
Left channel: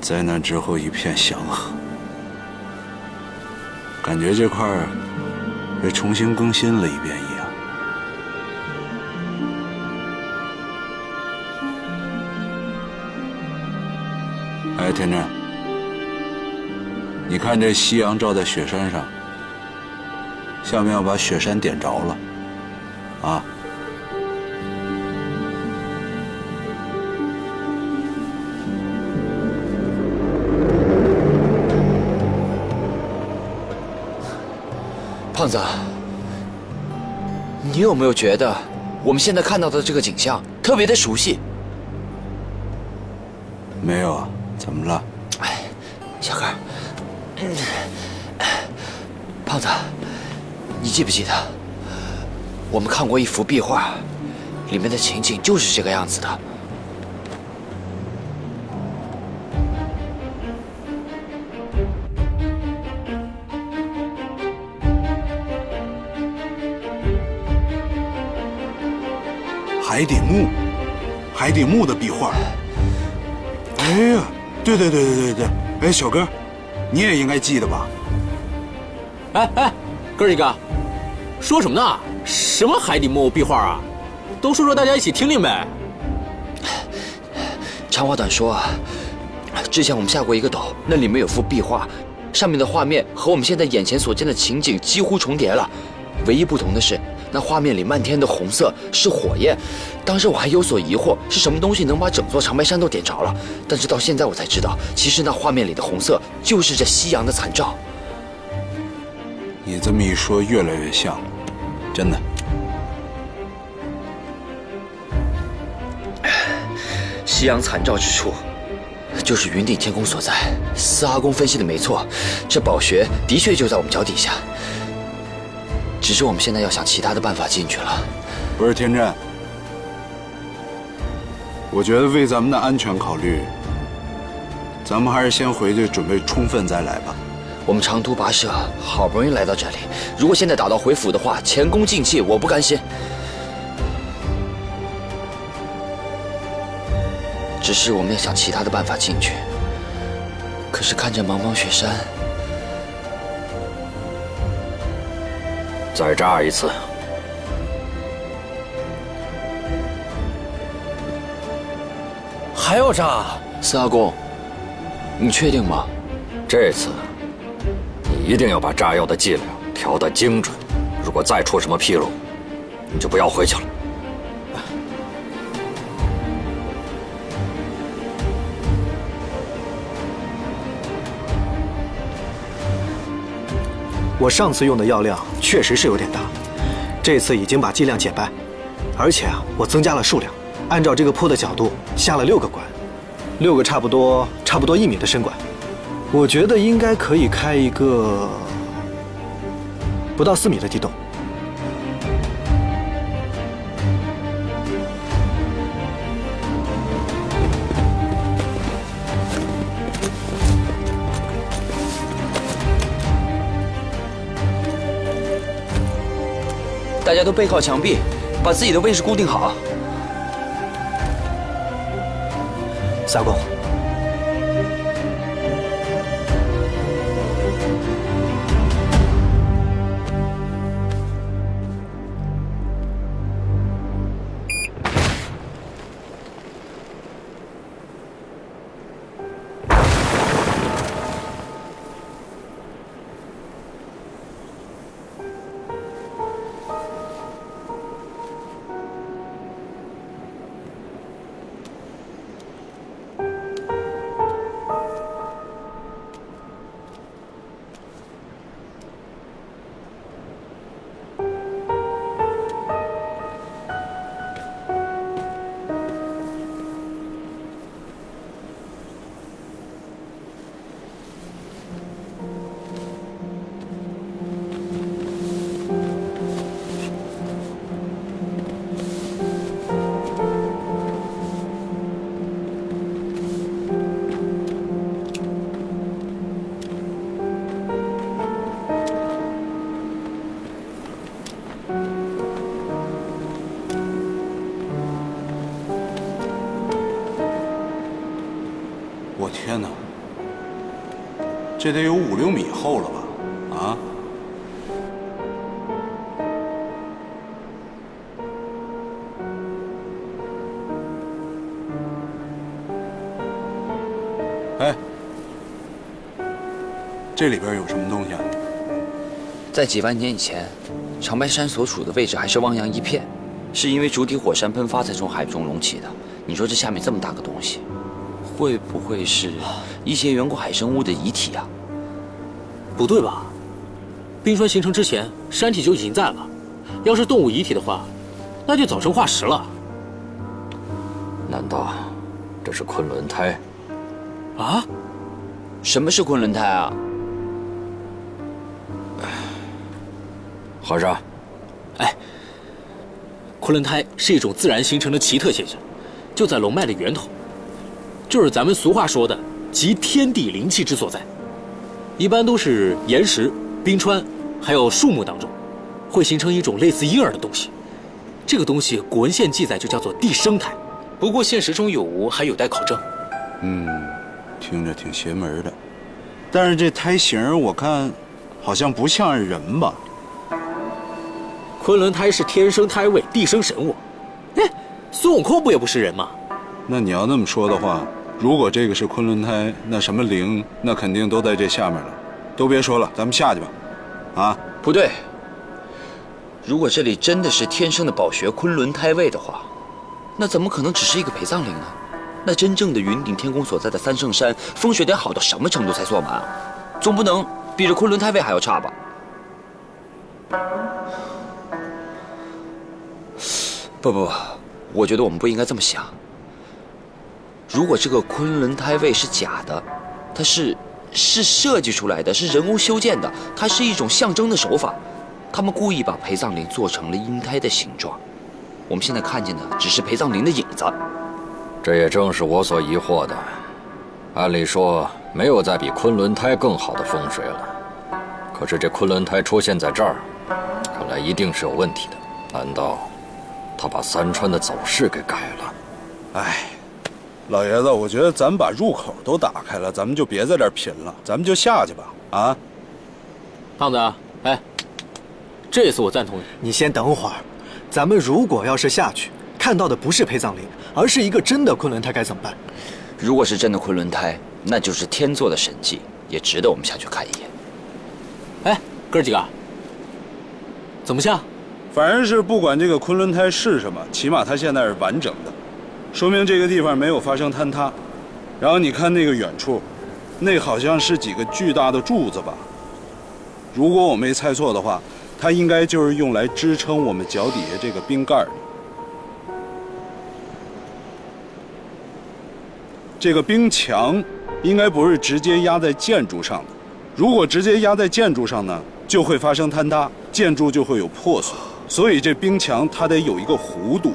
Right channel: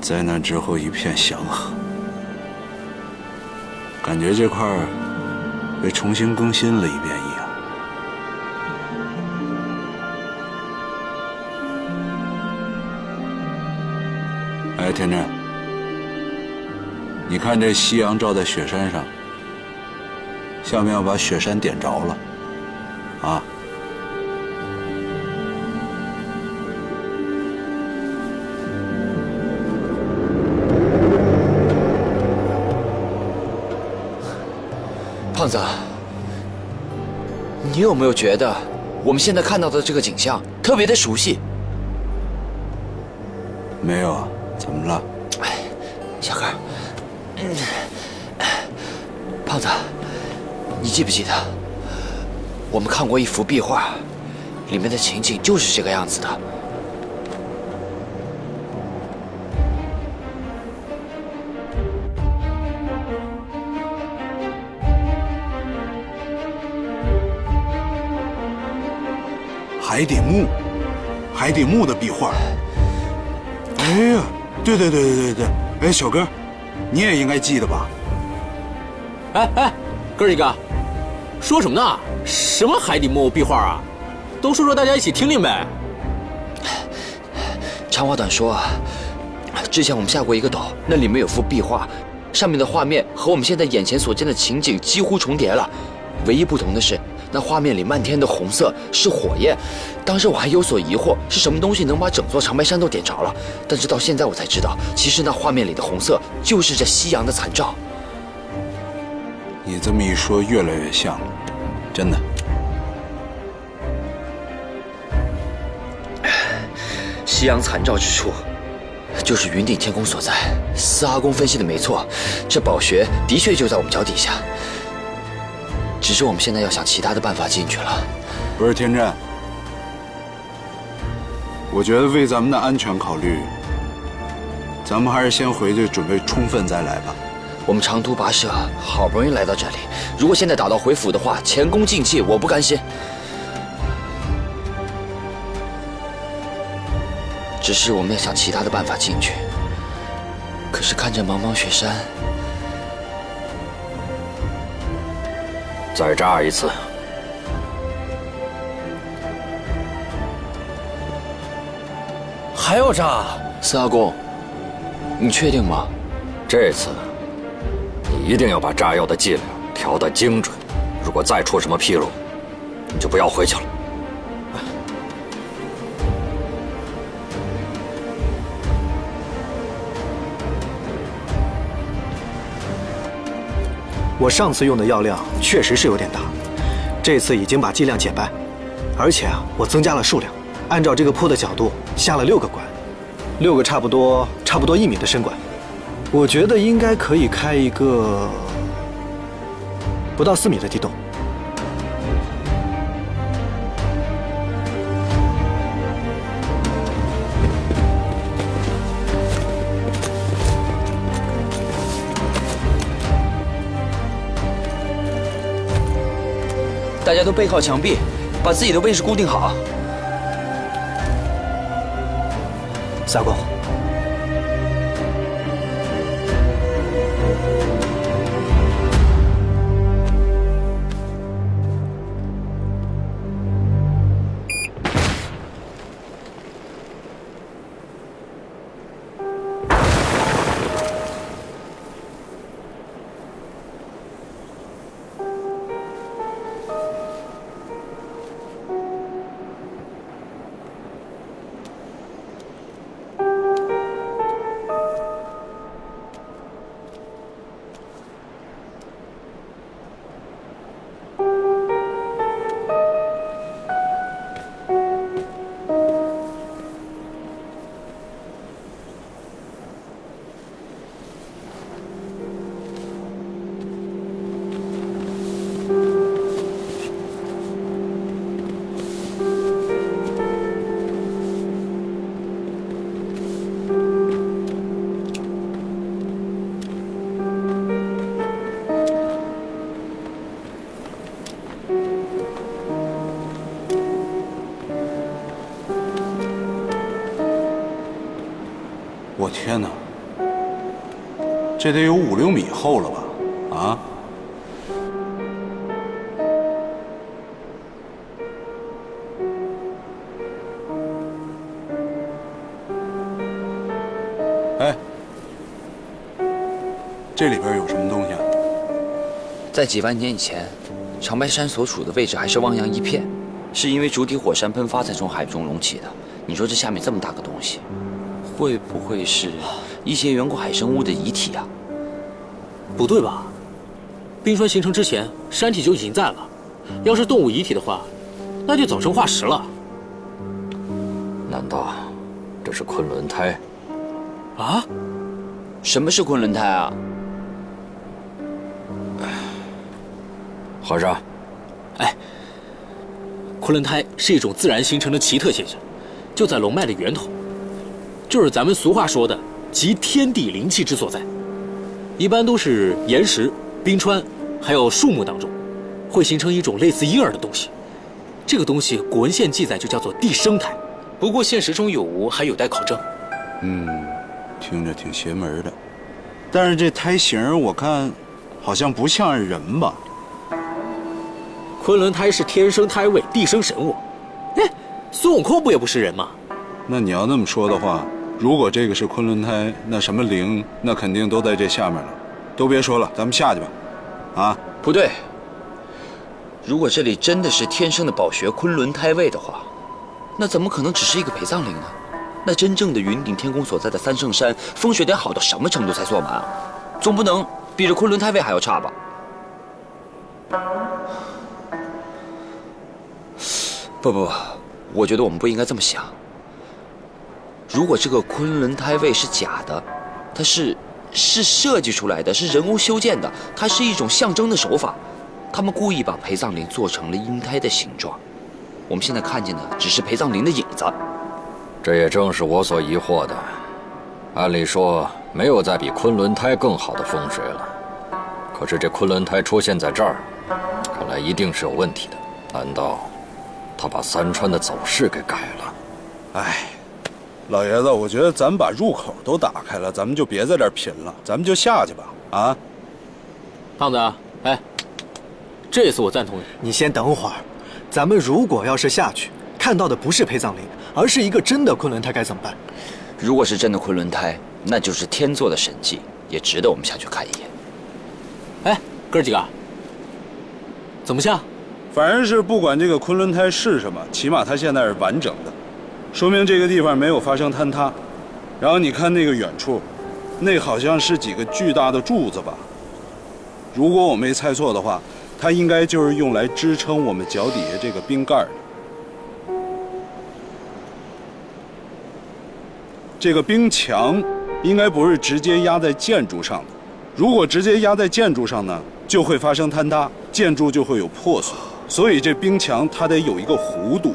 灾难之后一片祥和，感觉这块儿被重新更新了一遍一样。哎，天真，你看这夕阳照在雪山上，像不像把雪山点着了？啊？胖子，你有没有觉得我们现在看到的这个景象特别的熟悉？没有啊，怎么了？哎，小哥，胖子，你记不记得我们看过一幅壁画，里面的情景就是这个样子的。海底墓的壁画。哎呀，对，哎，小哥，你也应该记得吧？哎，哥几个，说什么呢？什么海底墓壁画啊？都说说大家一起听听呗。长话短说啊，之前我们下过一个斗，那里面有幅壁画，上面的画面和我们现在眼前所见的情景几乎重叠了，唯一不同的是，那画面里漫天的红色是火焰。当时我还有所疑惑，是什么东西能把整座长白山都点着了？但是到现在我才知道，其实那画面里的红色就是这夕阳的残照。你这么一说，越来越像了，真的。夕阳残照之处，就是云顶天宫所在。司阿公分析的没错，这宝穴的确就在我们脚底下。只是我们现在要想其他的办法进去了。不是天真，我觉得为咱们的安全考虑，咱们还是先回去准备充分再来吧。我们长途跋涉，好不容易来到这里，如果现在打道回府的话，前功尽弃，我不甘心。只是我们要想其他的办法进去，可是看着茫茫雪山，再炸一次。还要炸？司阿公，你确定吗？这次你一定要把炸药的剂量调得精准，如果再出什么纰漏，你就不要回去了。我上次用的药量确实是有点大，这次已经把剂量减半，而且啊，我增加了数量，按照这个坡的角度下了6个管，6个差不多1米的深管，我觉得应该可以开一个不到4米的地洞。大家都背靠墙壁，把自己的位置固定好。司阿公，天哪，这得有5、6米厚了吧？啊？哎，这里边有什么东西啊？在几万年以前，长白山所处的位置还是汪洋一片，是因为主体火山喷发才从海中隆起的。你说这下面这么大个东西，会不会是一些远古海生物的遗体啊？不对吧？冰川形成之前，山体就已经在了。要是动物遗体的话，那就早成化石了。难道这是昆仑胎？啊？什么是昆仑胎啊？和尚，哎，昆仑胎是一种自然形成的奇特现象，就在龙脉的源头，就是咱们俗话说的集天地灵气之所在。一般都是岩石、冰川，还有树木当中，会形成一种类似婴儿的东西。这个东西古文献记载就叫做地生胎，不过现实中有无还有待考证。听着挺邪门的，但是这胎形我看好像不像人吧？昆仑胎是天生胎位，地生神物。哎，孙悟空不也不是人吗？那你要那么说的话，如果这个是昆仑胎，那什么灵，那肯定都在这下面了。都别说了，咱们下去吧。啊，不对，如果这里真的是天生的宝穴昆仑胎位的话，那怎么可能只是一个陪葬陵呢？那真正的云顶天宫所在的三圣山，风水得好到什么程度才坐满啊？总不能比这昆仑胎位还要差吧？不，我觉得我们不应该这么想。如果这个昆仑胎位是假的，它是设计出来的，是人工修建的，它是一种象征的手法。他们故意把陪葬陵做成了婴胎的形状，我们现在看见的只是陪葬陵的影子。这也正是我所疑惑的。按理说，没有再比昆仑胎更好的风水了。可是这昆仑胎出现在这儿，看来一定是有问题的。难道他把三川的走势给改了？哎，老爷子，我觉得咱们把入口都打开了，咱们就别在这儿贫了，咱们就下去吧。啊，胖子，哎，这次我赞同你。你先等会儿，咱们如果要是下去看到的不是陪葬陵，而是一个真的昆仑胎，该怎么办？如果是真的昆仑胎，那就是天作的神迹，也值得我们下去看一眼。哎，哥几个，怎么下？反正是不管这个昆仑胎是什么，起码它现在是完整的，说明这个地方没有发生坍塌。然后你看那个远处，那好像是几个巨大的柱子吧？如果我没猜错的话，它应该就是用来支撑我们脚底下这个冰盖的。这个冰墙应该不是直接压在建筑上的，如果直接压在建筑上呢，就会发生坍塌，建筑就会有破损。所以这冰墙它得有一个弧度，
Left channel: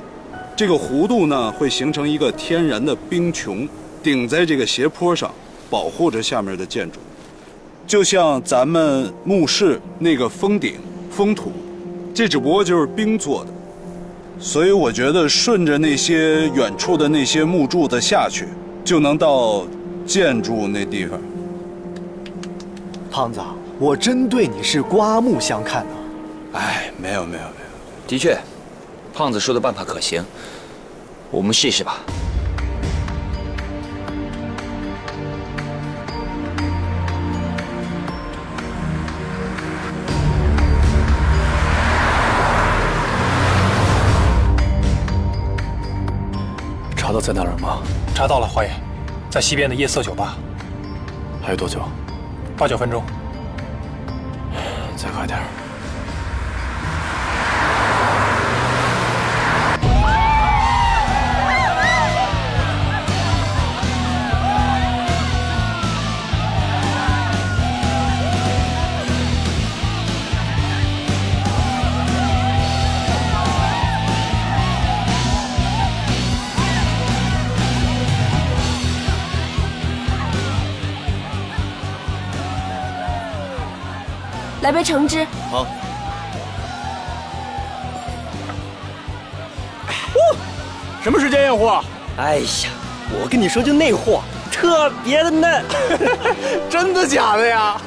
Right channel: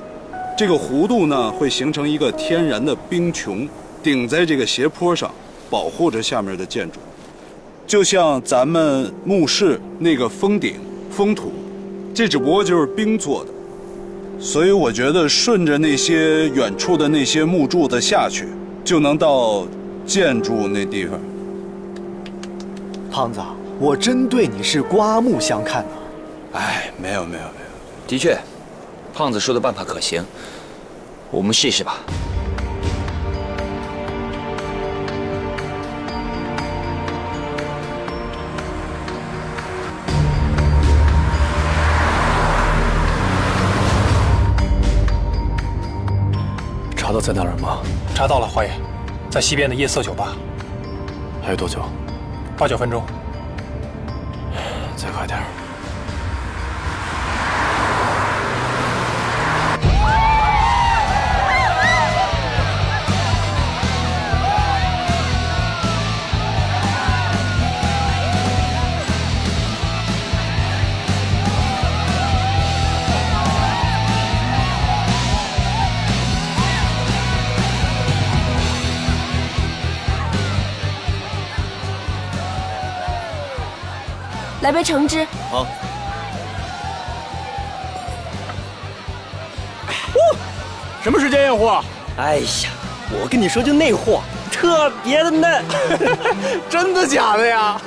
这个弧度呢会形成一个天然的冰穹，顶在这个斜坡上，保护着下面的建筑。就像咱们墓室那个封顶、封土，这只不过就是冰做的。所以我觉得顺着那些远处的那些木柱子下去，就能到建筑那地方。胖子，我真对你是刮目相看啊！哎，没有，的确，胖子说的办法可行，我们试一试吧。查到在哪儿了吗？查到了，华爷，在西边的夜色酒吧。还有多久8、9分钟。再快点儿。来杯橙汁。好。什么时间验货？哎呀，我跟你说，就那货，特特别的嫩。真的假的呀？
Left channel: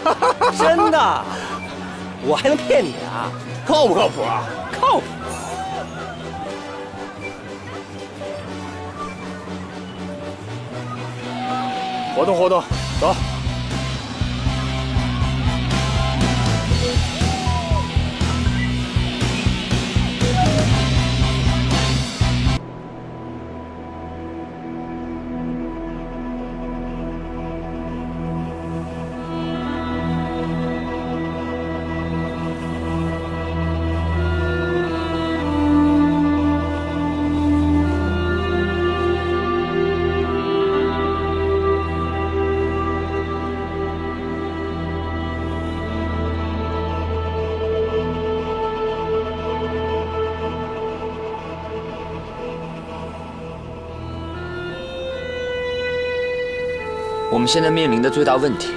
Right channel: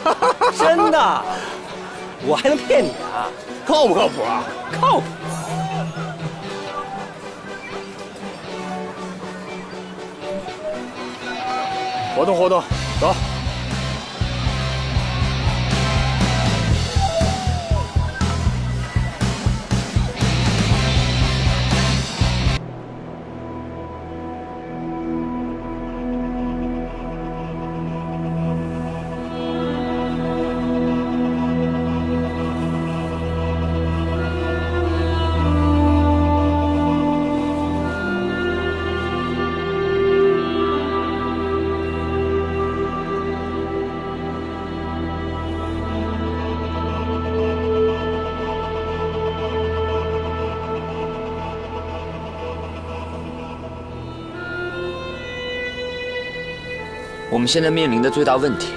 真的，我还能骗你啊？靠不靠谱啊？靠谱。活动活动，走。我们现在面临的最大问题，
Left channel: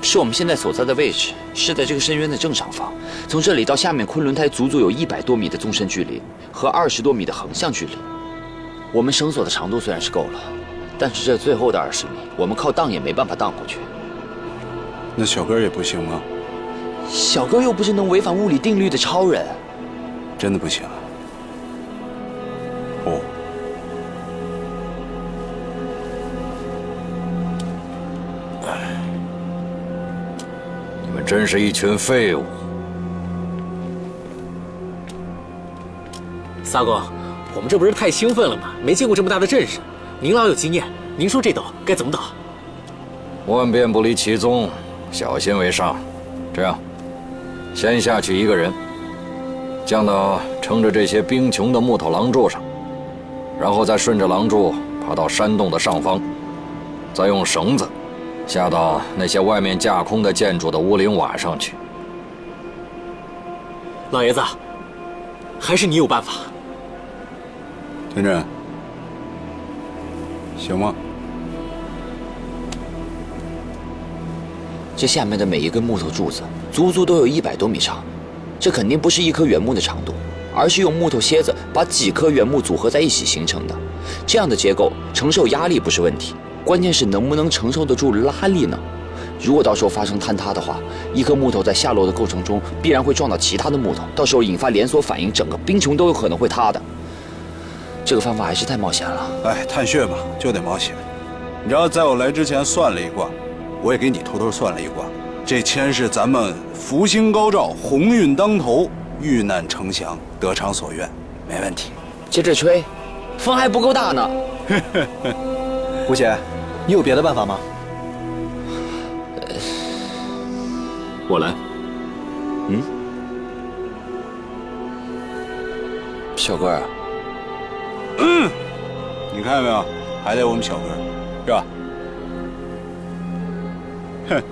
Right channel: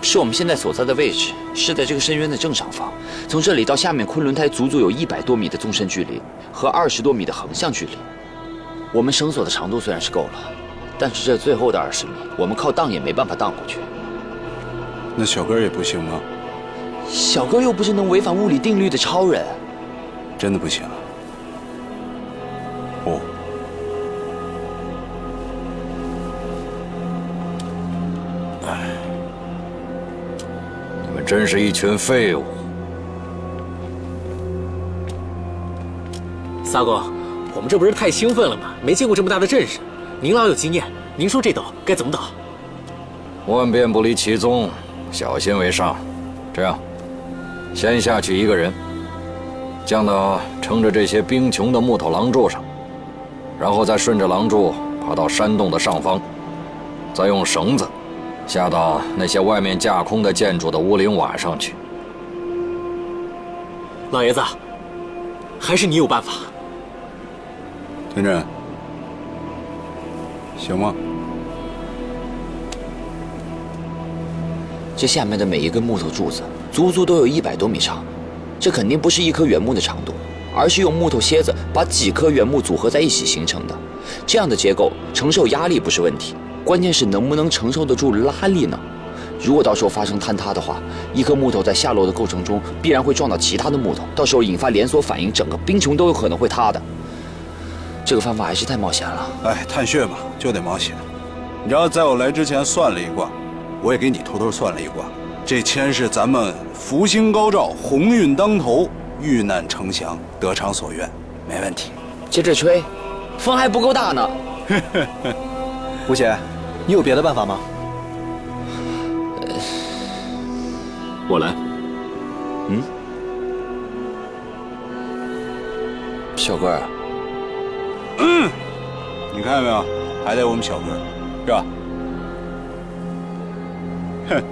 是我们现在所在的位置是在这个深渊的正上方，从这里到下面昆仑台足足有100多米的纵深距离和20多米的横向距离。我们绳索的长度虽然是够了，但是这最后的20米，我们靠荡也没办法荡过去。那小哥也不行吗？小哥又不是能违反物理定律的超人。真的不行啊？哦。你们真是一群废物！萨公，我们这不是太兴奋了吗？没见过这么大的阵势。您老有经验，您说这斗该怎么打？万变不离其宗，小心为上。这样，先下去一个人，降到撑着这些冰穹的木头廊柱上，然后再顺着廊柱爬到山洞的上方，再用绳子下到那些外面架空的建筑的屋顶瓦上去。老爷子，还是你有办法。天真，行吗？这下面的每一根木头柱子，足足都有100多米长，这肯定不是一棵原木的长度，而是用木头楔子把几棵原木组合在一起形成的。这样的结构承受压力不是问题，关键是能不能承受得住拉力呢？如果到时候发生坍塌的话，一颗木头在下落的过程中必然会撞到其他的木头，到时候引发连锁反应，整个冰穹都有可能会塌的。这个方法还是太冒险了。哎，探穴嘛，就得冒险。你知道，在我来之前算了一卦，我也给你偷偷算了一卦。这签是咱们福星高照，鸿运当头，遇难成祥，得偿所愿，没问题。接着吹，风还不够大呢。吴姐，你有别的办法吗？我来。小哥儿。你看见没有？还得我们小哥，是吧？哼。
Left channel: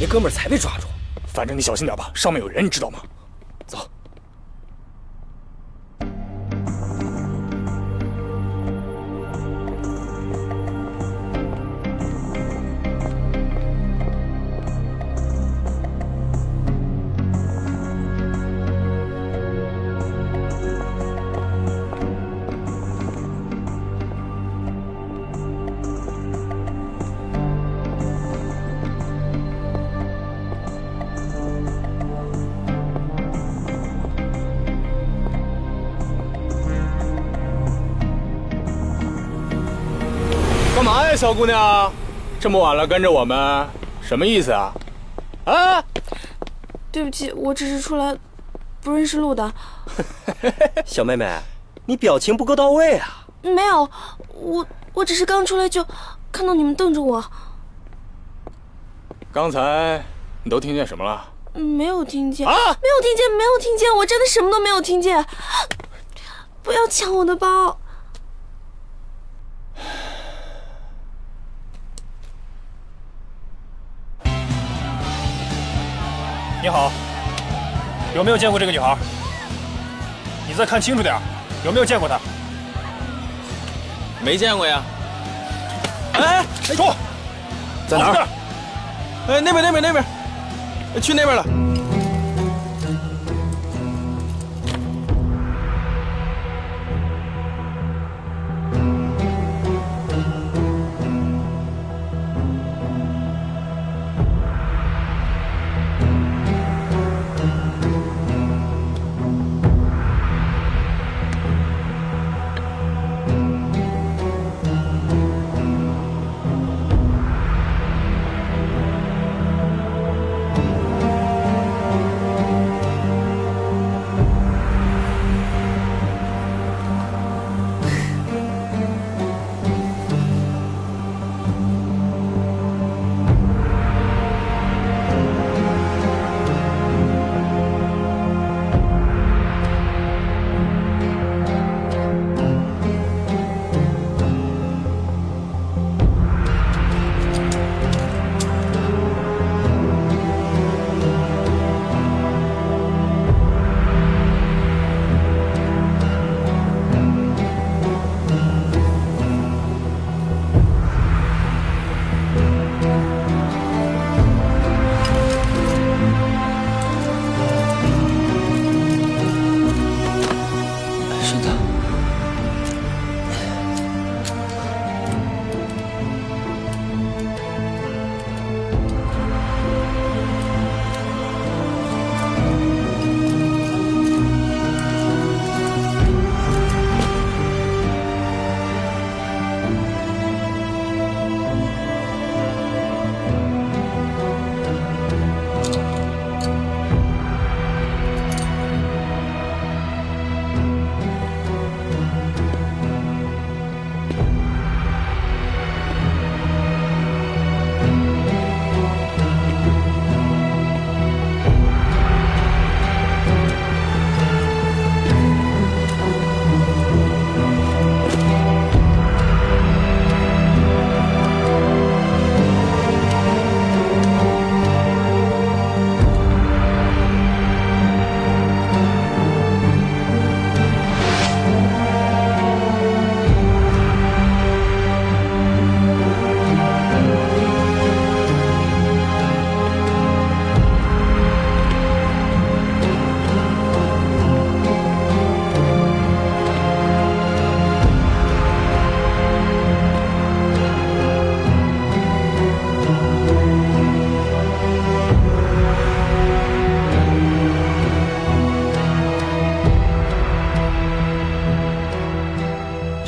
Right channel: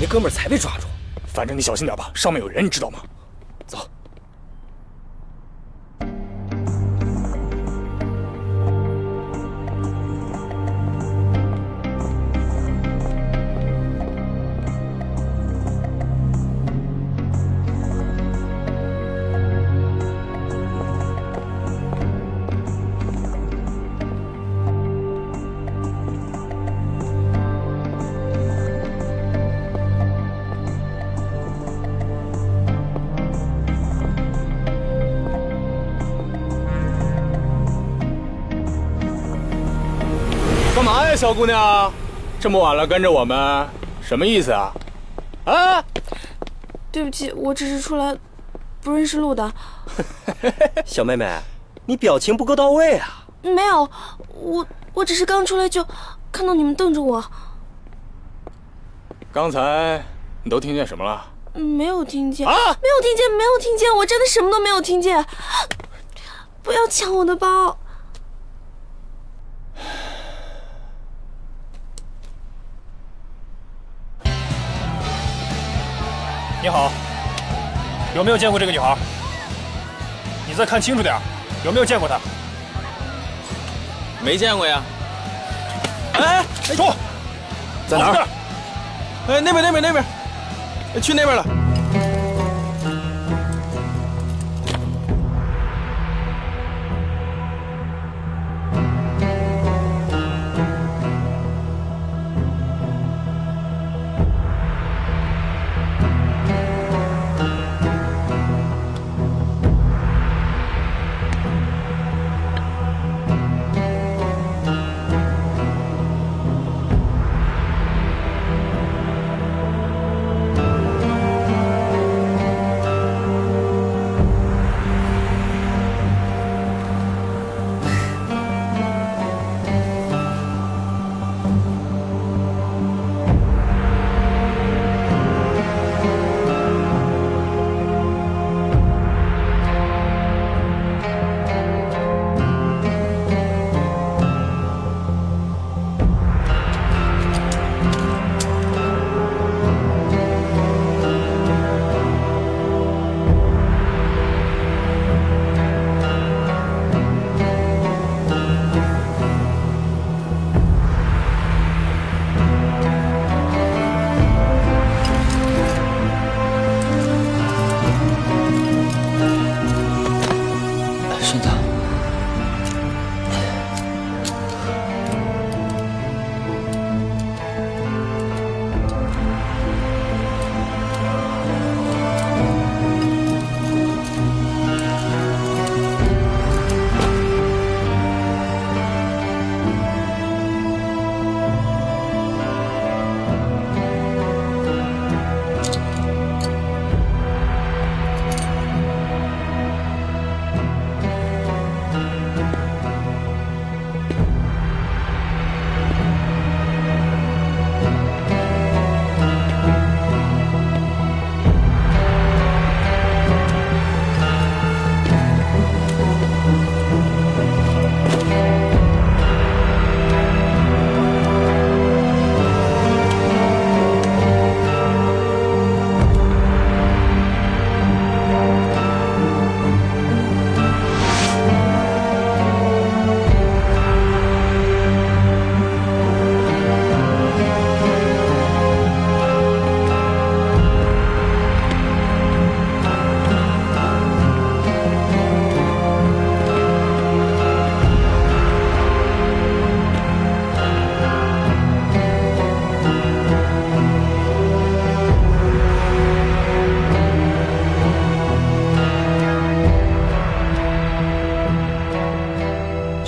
那哥们儿才被抓住。反正你小心点吧，上面有人，你知道吗？走。干嘛呀，小姑娘？这么晚了跟着我们，什么意思啊？啊！对不起，我只是出来不认识路的。小妹妹，你表情不够到位啊！没有，我只是刚出来就看到你们瞪着我。刚才你都听见什么了？没有听见啊！没有听见，没有听见，我真的什么都没有听见。不要抢我的包！你好，有没有见过这个女孩？你再看清楚点，有没有见过她？没见过呀。哎，住！在哪儿？哎，那边，去那边了。顺子，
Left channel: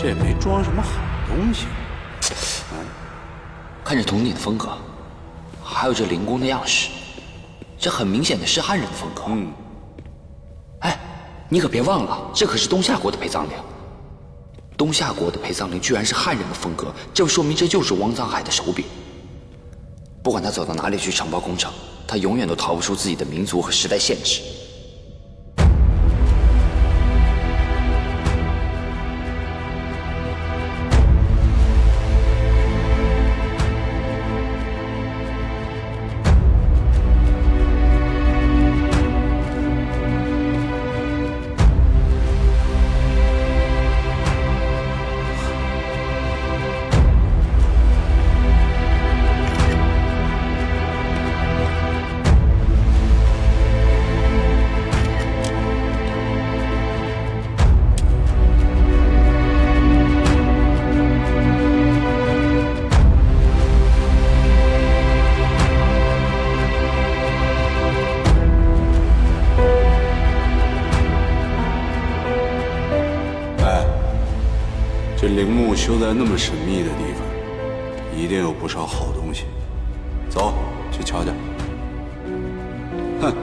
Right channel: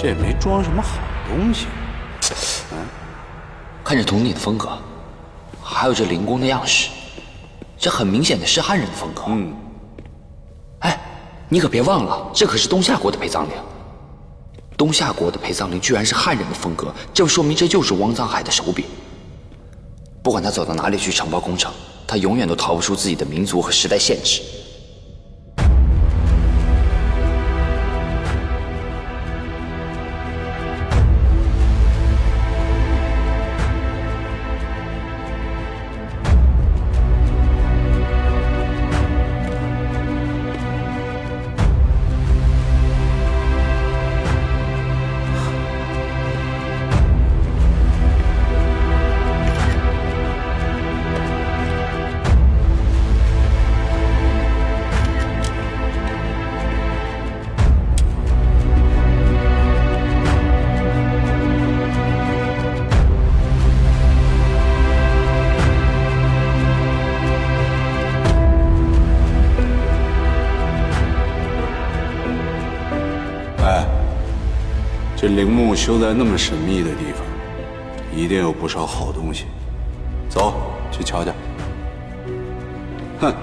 这也没装什么好东西。看这铜鼎的风格，还有这灵宫的样式，这很明显的是汉人的风格。哎，你可别忘了，这可是东夏国的陪葬陵。东夏国的陪葬陵居然是汉人的风格，这说明这就是汪藏海的手笔。不管他走到哪里去承包工程，他永远都逃不出自己的民族和时代限制。这陵墓修在那么神秘的地方，一定有不少好东西。走，去瞧瞧。哼！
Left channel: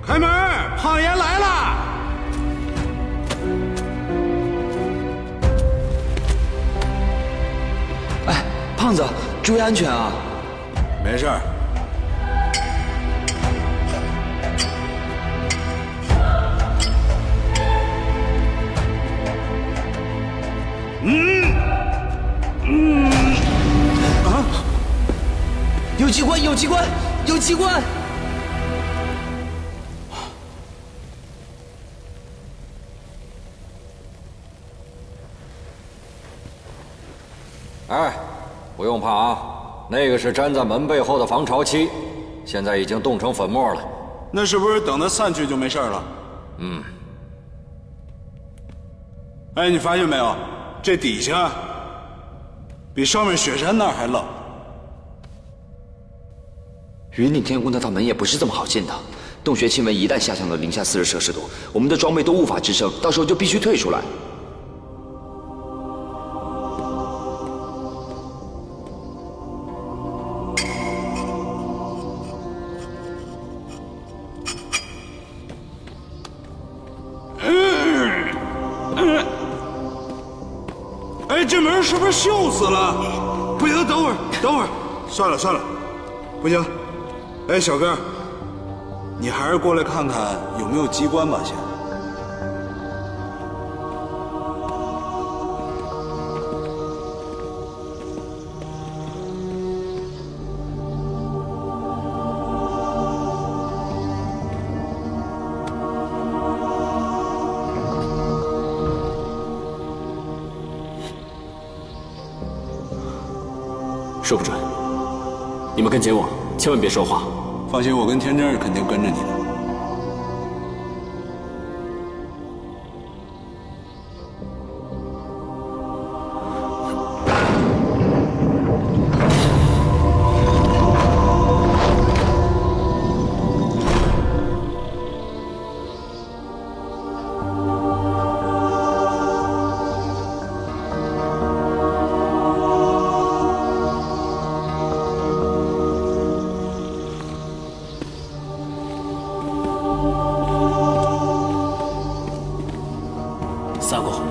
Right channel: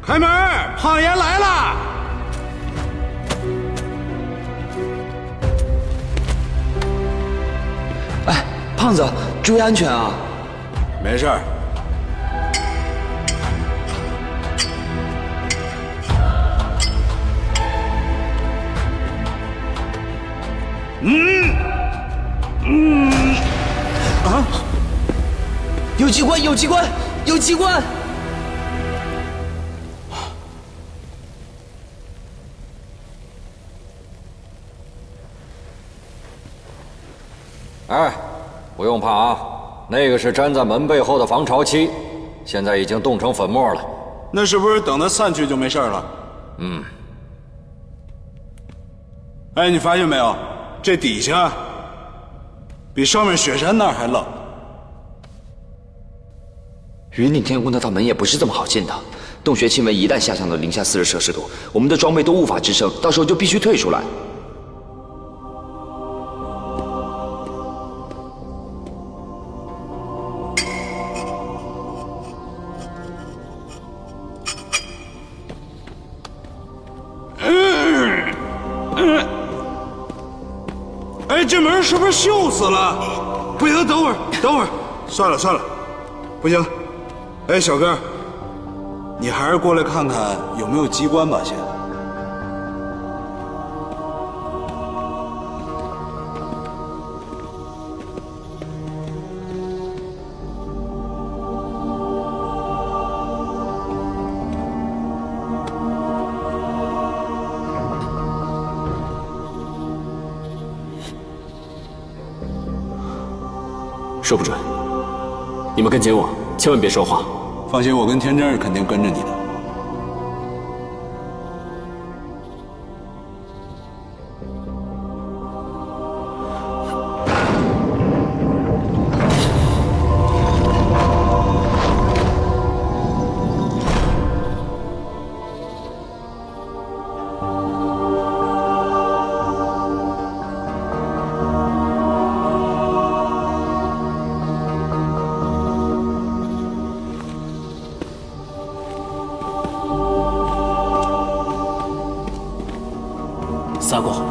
开门，胖爷来了。哎，胖子，注意安全啊！没事儿。有机关，有机关，有机关！哎，不用怕啊，那个是粘在门背后的防潮漆，现在已经冻成粉末了。那是不是等它散去就没事了？嗯。哎，你发现没有，这底下比上面雪山那儿还冷。云顶天宫那道门也不是这么好进的，洞穴气温一旦下降到-40°C，我们的装备都无法支撑，到时候就必须退出来。哎，这门是不是锈死了？不行，等会儿，算了，不行。哎，小哥，你还是过来看看有没有机关吧，先。说不准。你们跟紧我，千万别说话。放心，我跟天真是肯定跟着你的。撒过。